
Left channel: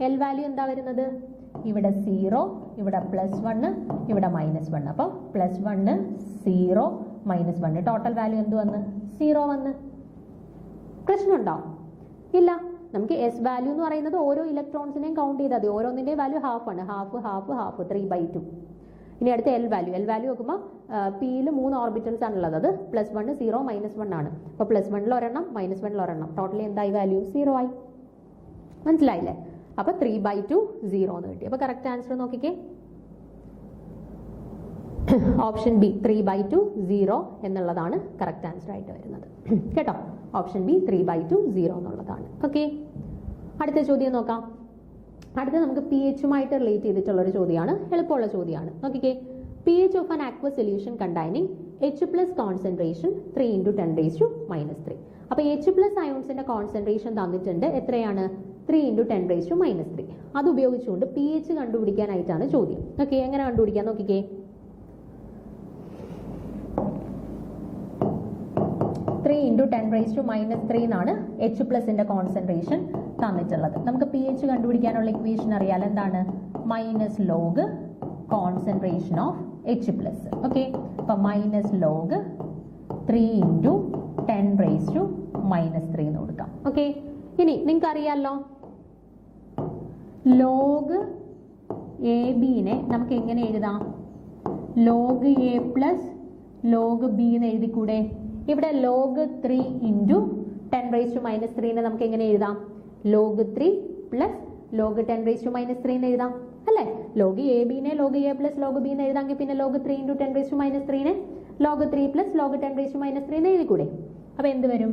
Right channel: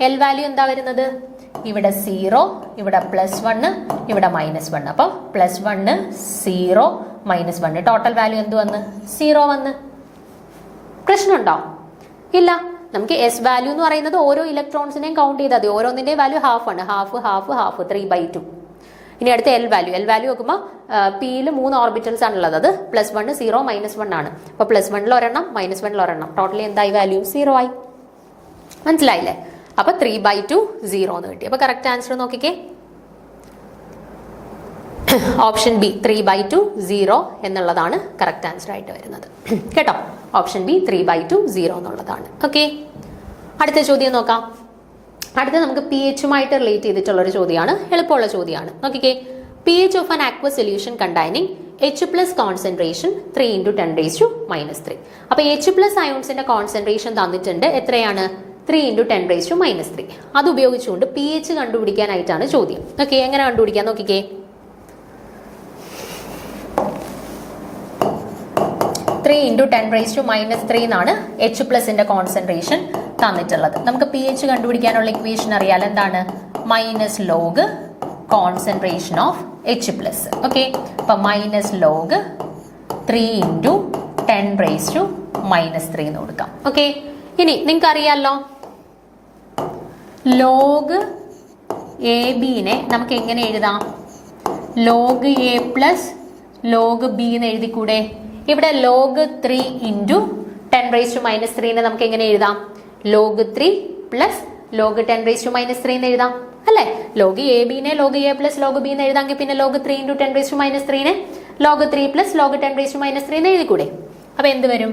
എൽ വാല്യൂ എന്താ വരുന്നത്? ഇവിടെ 0, ഇവിടെ +1, ഇവിടെ -1. അപ്പൊ +1 0 -1, ടോട്ടൽ വാല്യൂ എന്ത് വന്ന്? 0 വന്ന്. പ്രശ്നമുണ്ടോ? ഇല്ല. നമുക്ക് എസ് വാല്യൂ എന്ന് പറയുന്നത് ഓരോ ഇലക്ട്രോൺസിനെയും കൗണ്ട് ചെയ്താൽ മതി. ഓരോന്നിന്റെയും വാല്യൂ ഹാഫ് ആണ്. ഹാഫ് 3/2. ഇനി അടുത്ത എൽ വാല്യൂ നോക്കുമ്പോൾ പിയിൽ 3 ഓർബിറ്റൽസ് ആണുള്ളത്. അത് +1 0 -1 ആണ്. അപ്പൊ +1 ഒരെണ്ണം -1 ഒരെണ്ണം, ടോട്ടലി എന്തായി? വാല്യൂ 0 ആയി. മനസ്സിലായില്ലേ? അപ്പൊ 3/2 0 എന്ന് കിട്ടി. അപ്പൊ കറക്റ്റ് ആൻസർ നോക്കിക്കേ, ഓപ്ഷൻ ബി 3/2 0 എന്നുള്ളതാണ് കറക്റ്റ് ആൻസർ ആയിട്ട് വരുന്നത് കേട്ടോ. ഓപ്ഷൻ ബി 3/2 0 എന്നുള്ളതാണ്. ഓക്കെ, അടുത്ത ചോദ്യം നോക്കാം. അടുത്ത നമുക്ക് പി എച്ചുമായിട്ട് റിലേറ്റ് ചെയ്തിട്ടുള്ള ഒരു ചോദ്യമാണ്, എളുപ്പമുള്ള ചോദ്യമാണ്. നോക്കിക്കേ, P H of an aqua solution containing H+ concentration 3 × 10⁻³ അപ്പൊ H+ അയോൺസിന്റെ കോൺസെൻട്രേഷൻ തന്നിട്ടുണ്ട്. എത്രയാണ്? 3 × 10⁻³ അത് ഉപയോഗിച്ചുകൊണ്ട് പി എച്ച് കണ്ടുപിടിക്കാനായിട്ടാണ് ചോദ്യം. ഓക്കെ, എങ്ങനെ കണ്ടുപിടിക്കാൻ നോക്കിക്കേ. 3 × 10⁻³ എന്നാണ് H+ന്റെ കോൺസെൻട്രേഷൻ തന്നിട്ടുള്ളത്. നമുക്ക് പി എച്ച് കണ്ടുപിടിക്കാനുള്ള ഇക്വേഷൻ അറിയാൽ. എന്താണ്? -log concentration of H+. Okay, അപ്പൊ -log 3 × 10⁻³ എന്ന് കൊടുക്കാം. ഓക്കെ, ഇനി നിങ്ങൾക്ക് അറിയാലോ log AB-നെ നമുക്ക് എങ്ങനെ എഴുതാം? log A + log B എന്ന് എഴുതിക്കൂടെ? ഇവിടെ log 3 × 10⁻³ നമുക്ക് എങ്ങനെ എഴുതാം? log 3 + log 10⁻³ എന്ന് എഴുതാം അല്ലെ. log AB-നെ log A + log B എന്ന് എഴുതാമെങ്കിൽ പിന്നെ log 3 × 10⁻³ log 3 + log 10⁻³ എന്ന് എഴുതിക്കൂടെ? അപ്പൊ എന്ത് വരും?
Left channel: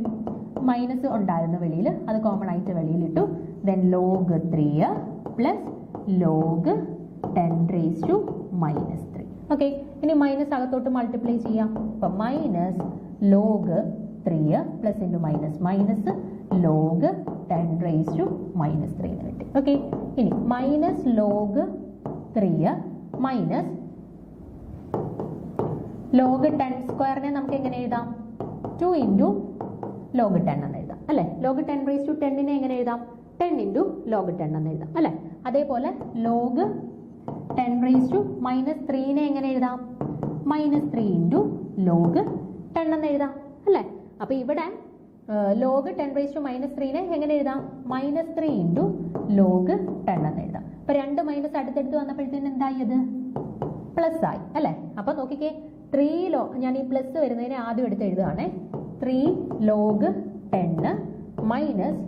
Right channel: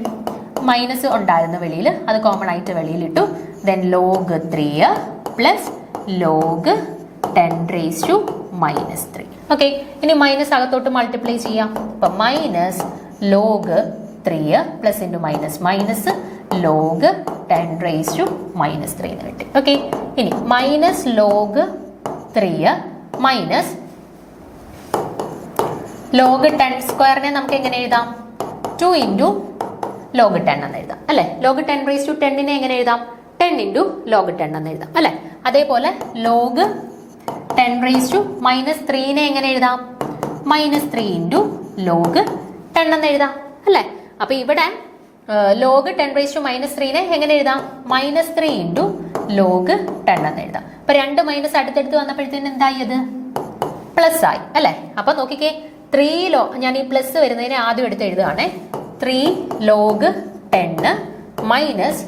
മൈനസ് ഉണ്ടായിരുന്നു വെളിയിൽ, അത് കോമൺ ആയിട്ട് വെളിയിലിട്ടു. ദെൻ log 3 പ്ലസ് ലോഗ് 10⁻³ ഓക്കെ. ഇനി മൈനസ് അകത്തോട്ട് മൾട്ടിപ്ലൈ ചെയ്യാം. അപ്പം minus log 3 plus into minus minus log 10⁻³ എന്ന് കിട്ടി. ഓക്കെ. ഇനി മൈനസ് ലോഗ് 3 മൈനസ് ലോഗ് 10² നമുക്ക് എങ്ങനെ എഴുതാം? 2 ഇൻറ്റു ലോഗ് 10 എന്ന് എഴുതാം അല്ലേ. ലോഗ് 10⁻10 എങ്ങനെ എഴുതാം? 10 ഇൻറ്റു ലോഗ് 10 എന്ന് എഴുതാം അല്ലേ. അതേപോലെ ലോഗ് 10⁻³ എങ്ങനെ എഴുതാം? -3 ഇൻറ്റു ലോഗ് 10 എന്ന് എഴുതാം അല്ലേ. അപ്പൊ ഇവിടെ ലോഗ് 10⁻³ എങ്ങനെ എഴുതാം? -3 ഇൻറ്റു ലോഗ് 10 എന്ന് എഴുതാം. അപ്പൊ 2 മൈനസ് അടുത്തടുത്ത് വന്നപ്പോഴത്തേന് എന്തായി? അത് പ്ലസ് ആയി അല്ലേ. അപ്പൊ നോക്കിക്കേ, 3 ഞാൻ ഈ പ്ലസ് വരുന്നതിനെ ആദ്യം എടുത്ത് എഴുതുകയാണേ. 3 log 10 minus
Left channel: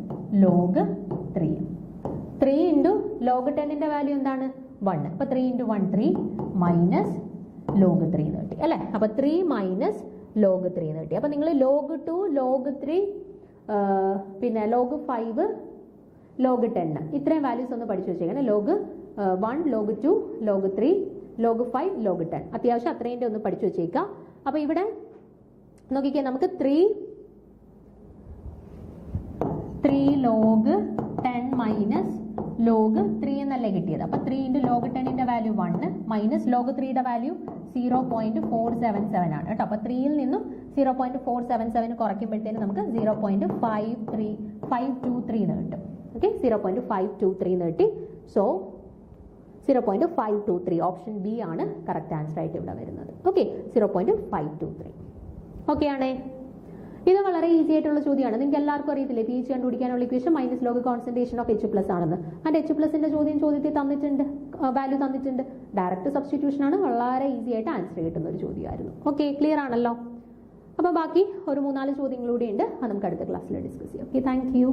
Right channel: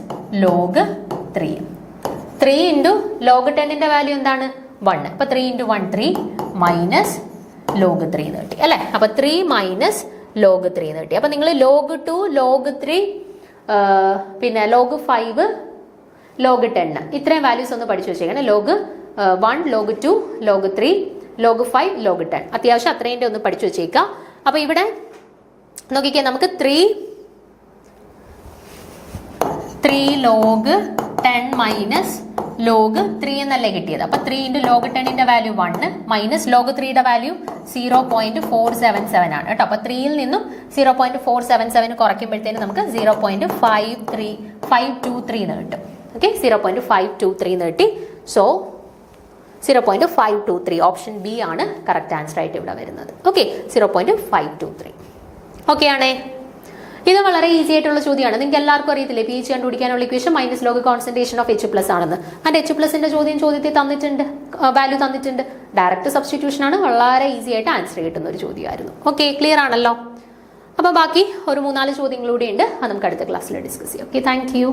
log 3. 3 into log 10ന്റെ വാല്യൂ എന്താണ്? 1. അപ്പൊ 3 ഇൻറ്റു 1 3 മൈനസ് ലോഗ് 3 എന്ന് കിട്ടി അല്ലേ. അപ്പൊ 3 മൈനസ് ലോഗ് 3 എന്ന് കിട്ടി. അപ്പൊ നിങ്ങൾ ലോഗ് 2 ലോഗ് 3 പിന്നെ ലോഗ് 5 ലോഗ് 10 ഇത്രയും വാല്യൂസ് ഒന്ന് പഠിച്ചു വെച്ചേക്കണം. Log 1 log 2 log 3 log 5 log 10 അത്യാവശ്യം അത്രേന്റെ ഒന്ന് പഠിച്ചു വെച്ചേക്കാം. അപ്പൊ ഇവിടെ നോക്കിക്കേ, നമുക്ക് 3 ലോഗ് 10 മൈനസ് ലോഗ് 3 എന്നല്ലേ കിട്ടിയത്. അപ്പൊ 3 ഇൻറ്റു ലോഗ് 10ന്റെ വാല്യൂ 1 മൈനസ് ലോഗ് 3യുടെ വാല്യൂ 0.477 ആണ് കേട്ടോ. അപ്പൊ 3യിൽ നിന്നും 0.477 കുറയ്ക്കുമ്പോഴത്തേന് നമുക്ക് 0.523 എന്ന് കിട്ടും. ഓക്കെ, 0.523 എന്ന് കിട്ടി. സോ 0.523 ഓപ്ഷൻ ബി ആണ് കറക്റ്റ് ആൻസർ ആയിട്ട് ഇവിടെ വരുന്നത്. ഓക്കെ, 0.523 ഓക്കെ ആണേ. ഇത് വളരെ ഈസി ആയിട്ടുള്ള ചോദ്യമാണ്. നിങ്ങൾക്ക് എല്ലാവർക്കും അറിയത്തില്ലേ പി എച്ച് കണ്ടുപിടിക്കാനുള്ള equation minus log concentration of H+ ആണെന്ന്. ആൻഡ് H+ന്റെ ചോദ്യത്തിൽ തന്നിട്ടുണ്ട്, വാല്യൂ തന്നിട്ടുണ്ട്. ഡയറക്റ്റ് സബ്സ്റ്റിറ്റ്യൂഷൻ ആണ്. വളരെ ഈസി ആയിട്ട് ആൻസർ കിട്ടുന്ന ഒരു ചോദ്യമായിരുന്നു. ഓക്കെ, ക്ലിയർ ആണല്ലോ. അപ്പോൾ ബാക്കി ഒരു 3-4 ചോദ്യങ്ങളൂടെ ഉണ്ട്. അത് നമുക്ക് അടുത്ത ക്ലാസ്സിൽ ഡിസ്കസ് ചെയ്യാം. Okay, thank you.